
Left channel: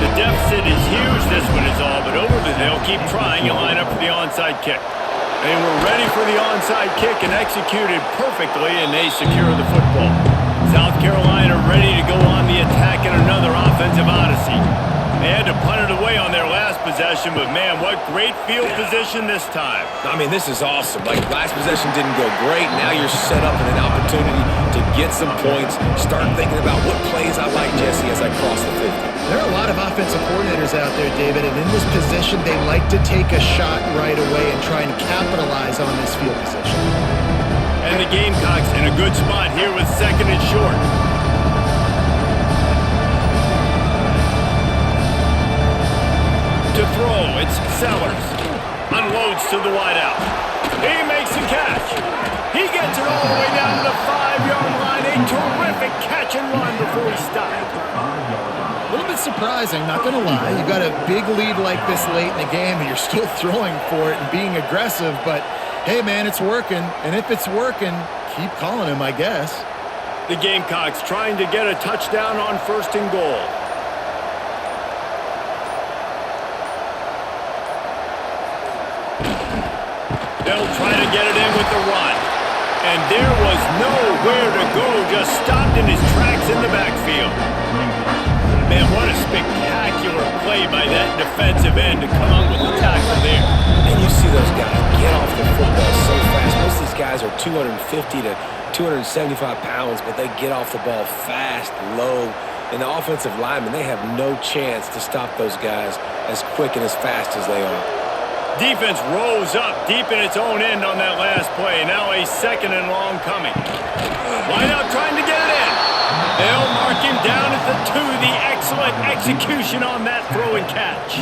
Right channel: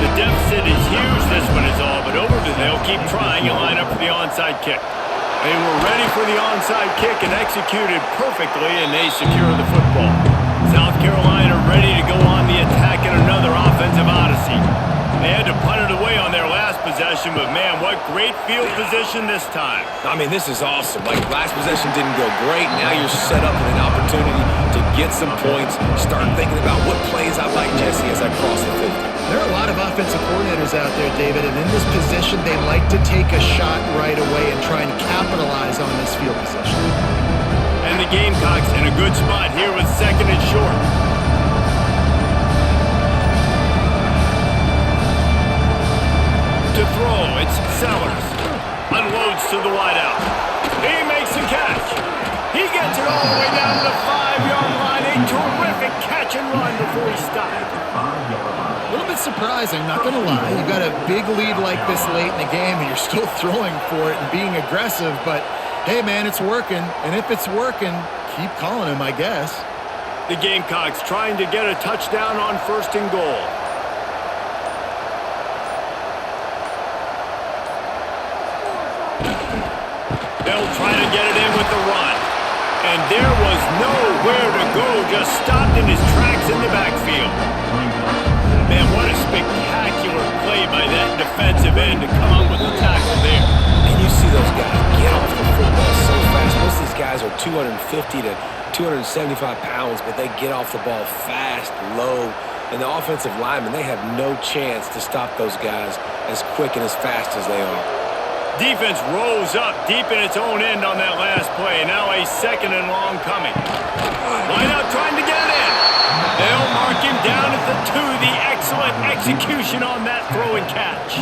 The deficit is huge. This one is all but over, but they'll keep trying and line up for the onside kick. They were ready for the onside kick and executed perfectly, and they secure the football. South Carolina ready to go on the attack in another offensive odyssey. They had to punt it away on their last possession, but man, what great field position this time. I mean, this is awesome. Like, last possession didn't go great. Now you're set up in an opportunity to get some points. Start thinking about what plays I like, Jesse, as I cross the 50. There are a lot of offensive coordinators out there, David, and in this position, they like to take a shot right away and try and capitalize on this field position. And the Gamecocks in a good spot here with second and short. To throw, it's Sellers. Unloads to the wideout. He makes the catch. He gets it all the way down to the 5-yard line. A terrific catch and run before he stopped. A little bit surprising, not going to lie. You got a big lead like this late in the game, and you're still throwing for it and being aggressive. But, hey, man, it's working. And if it's working, keep calling him, I guess. The Gamecocks trying to get a touchdown on first and goal. They'll try to get it in with the run. And there was nowhere to go, just stopped in his tracks in the backfield. Man, what a spectacular play by that defensive end to come up with the tackle there. And you see those guys get off the football so fast. Most of these guys are 250 to 275 pounds, but they get off the ball fast, low. And the offensive linemen, they have no chance to stop those guys as quick and as fast as they are. Defense rose up deep in its own end on that last play. Now a second and long coming. Wide out trying to get it in. They'll mark him down at the 2. The excellent execution on that throw and catch.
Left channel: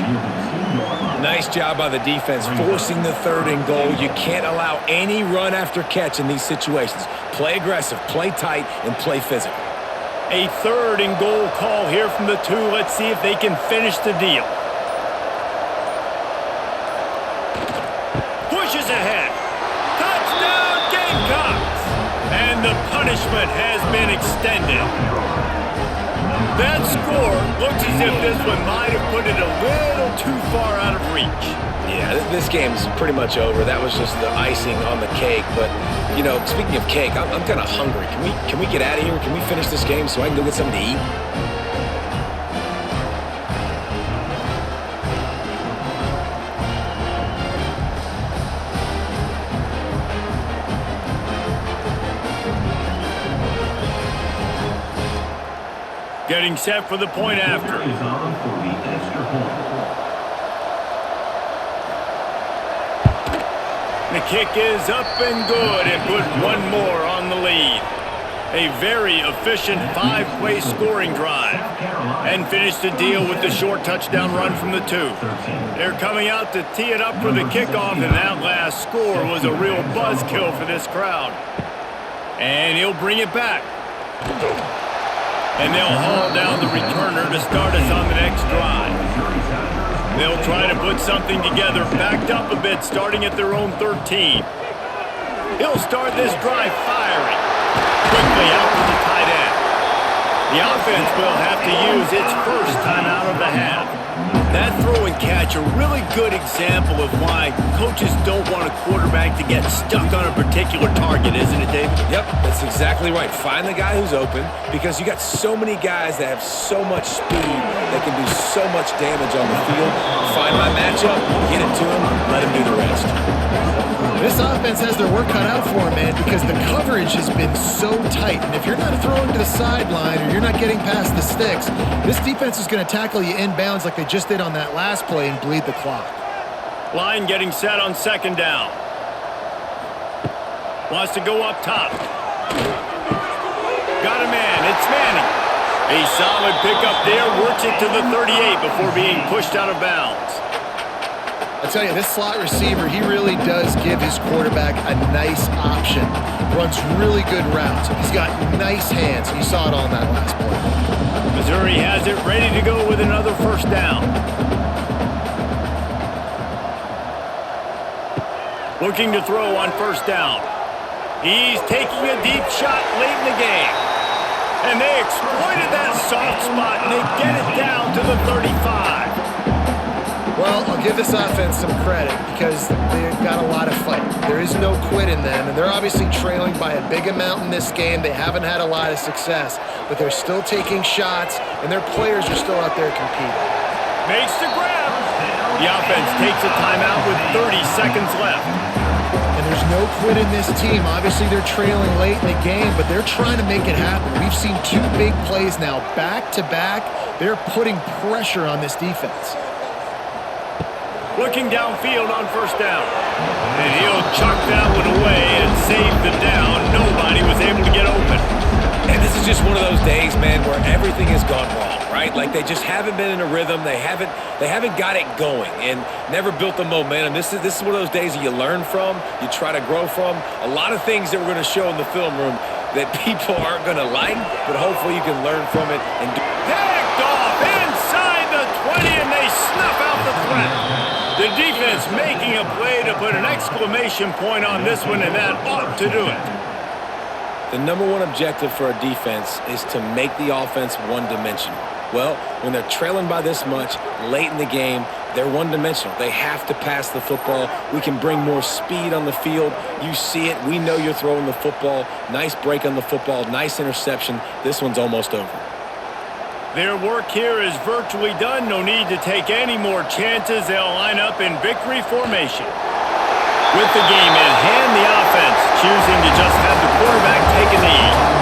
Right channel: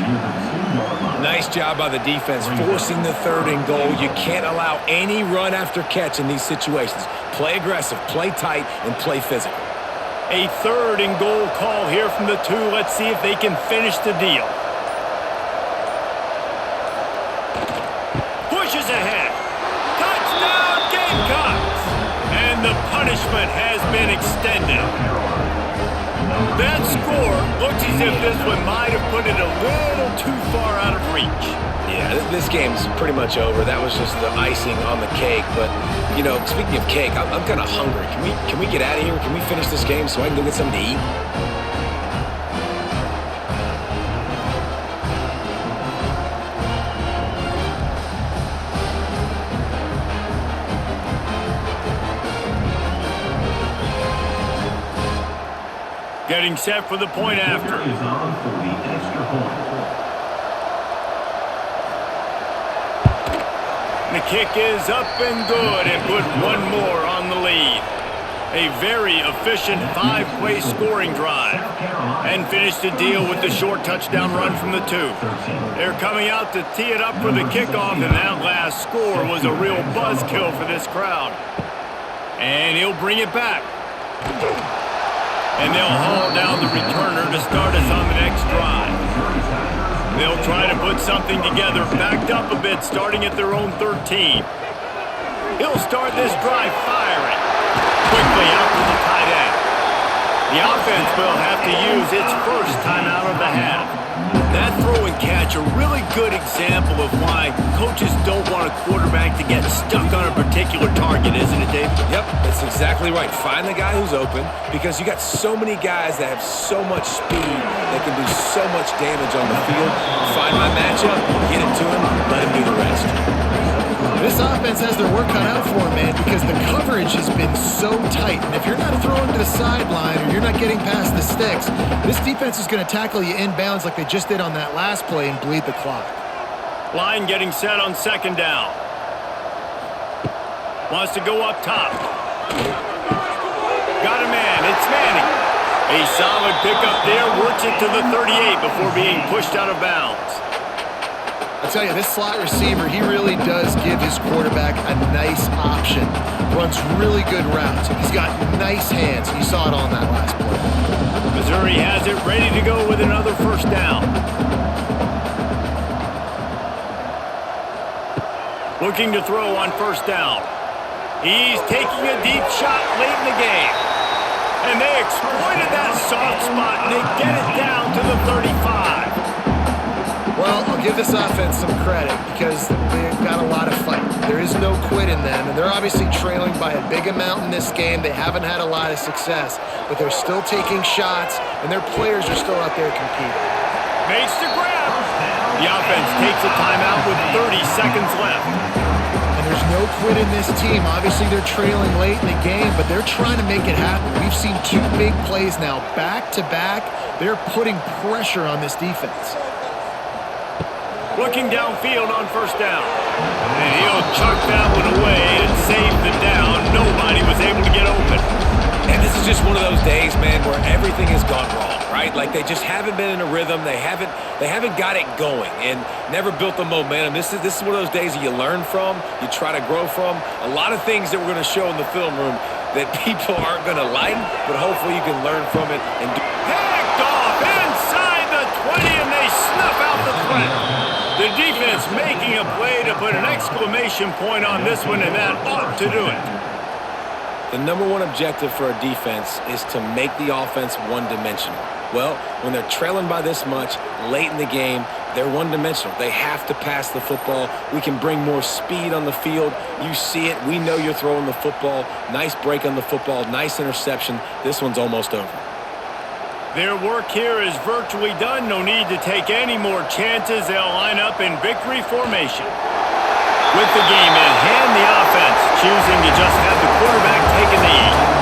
Nice job by the defense forcing the 3rd and goal. You can't allow any run after catch in these situations. Play aggressive, play tight, and play physical. A 3rd and goal call here from the 2. Let's see if they can finish the deal. Pushes ahead. Touchdown Gamecocks! And the punishment has been extended. That score looks as if this one might have put it a little too far out of reach. Yeah, this game's pretty much over. That was just the icing on the cake. But, you know, speaking of cake, I'm kind of hungry. Can we get out of here? Can we finish this game so I can go get something to eat? Getting set for the point after. Is on for the extra point. The kick is up and good and put one more on the lead. A very efficient 5-play scoring drive. And finished the deal with the short touchdown run from the 2. They're coming out to tee it up for the kickoff, and that last score was a real buzzkill for this crowd. And he'll bring it back. And they'll haul down the returner to start us on the next drive. They'll try to put something together, backed up a bit, starting at their own 13. He'll start this drive firing. Quickly out to the tight end. The offense will have to use its first timeout of the half. That throw and catch, a really good example of why coaches don't want a quarterback to get stuck on a particular target, isn't it, David? Yep, that's exactly right. Find the guy who's open, because you got so many guys that have so much speed that can do so much damage on the field. Find my matchup, get it to him, let him do the rest. This offense has their work cut out for them, man, because the coverage has been so tight. And if you're not throwing to the sideline or you're not getting past the sticks, this defense is going to tackle you inbounds like they just did on that last play and bleed the clock. Line getting set on second down. Wants to go up top. Got a man. It's Manning. A solid pickup there. Works it to the 38 before being pushed out of bounds. I tell you, this slot receiver, he really does give his quarterback a nice option. Runs really good routes. He's got nice hands. You saw it on that last play. Missouri has it ready to go with another first down. Looking to throw on first down. He's taking a deep shot late in the game. And they exploited that soft spot, and they get it down to the 35. Well, I'll give this offense some credit because they've got a lot of fight. There is no quit in them, and they're obviously trailing by a big amount in this game. They haven't had a lot of success, but they're still taking shots, and their players are still out there competing. Makes the grab. The offense takes a timeout with 30 seconds left. And there's no quit in this team. Obviously, they're trailing late in the game, but they're trying to make it happen. We've seen two big plays now, back-to-back. They're putting pressure on this defense. Looking downfield on first down. And he'll chuck that one away and save the down. Nobody was able to get open. And this is just one of those days, man, where everything has gone wrong, right? Like they just haven't been in a rhythm. They haven't got it going and never built the momentum. This is one of those days that you learn from, you try to grow from. A lot of things that we're going to show in the film room that people aren't going to like, but hopefully you can learn from it and do. Picked off inside the 20, and they snuff out the threat. The defense making a play to put an exclamation point on this one, and that ought to do it. The number one objective for a defense is to make the offense one-dimensional. Well, when they're trailing by this much late in the game, they're one-dimensional. They have to pass the football. We can bring more speed on the field. You see it. We know you're throwing the football. Nice break on the football. Nice interception. This one's almost over. Their work here is virtually done. No need to take any more chances. They'll line up in victory formation. With the game in hand, the offense choosing to just have the quarterback take a knee.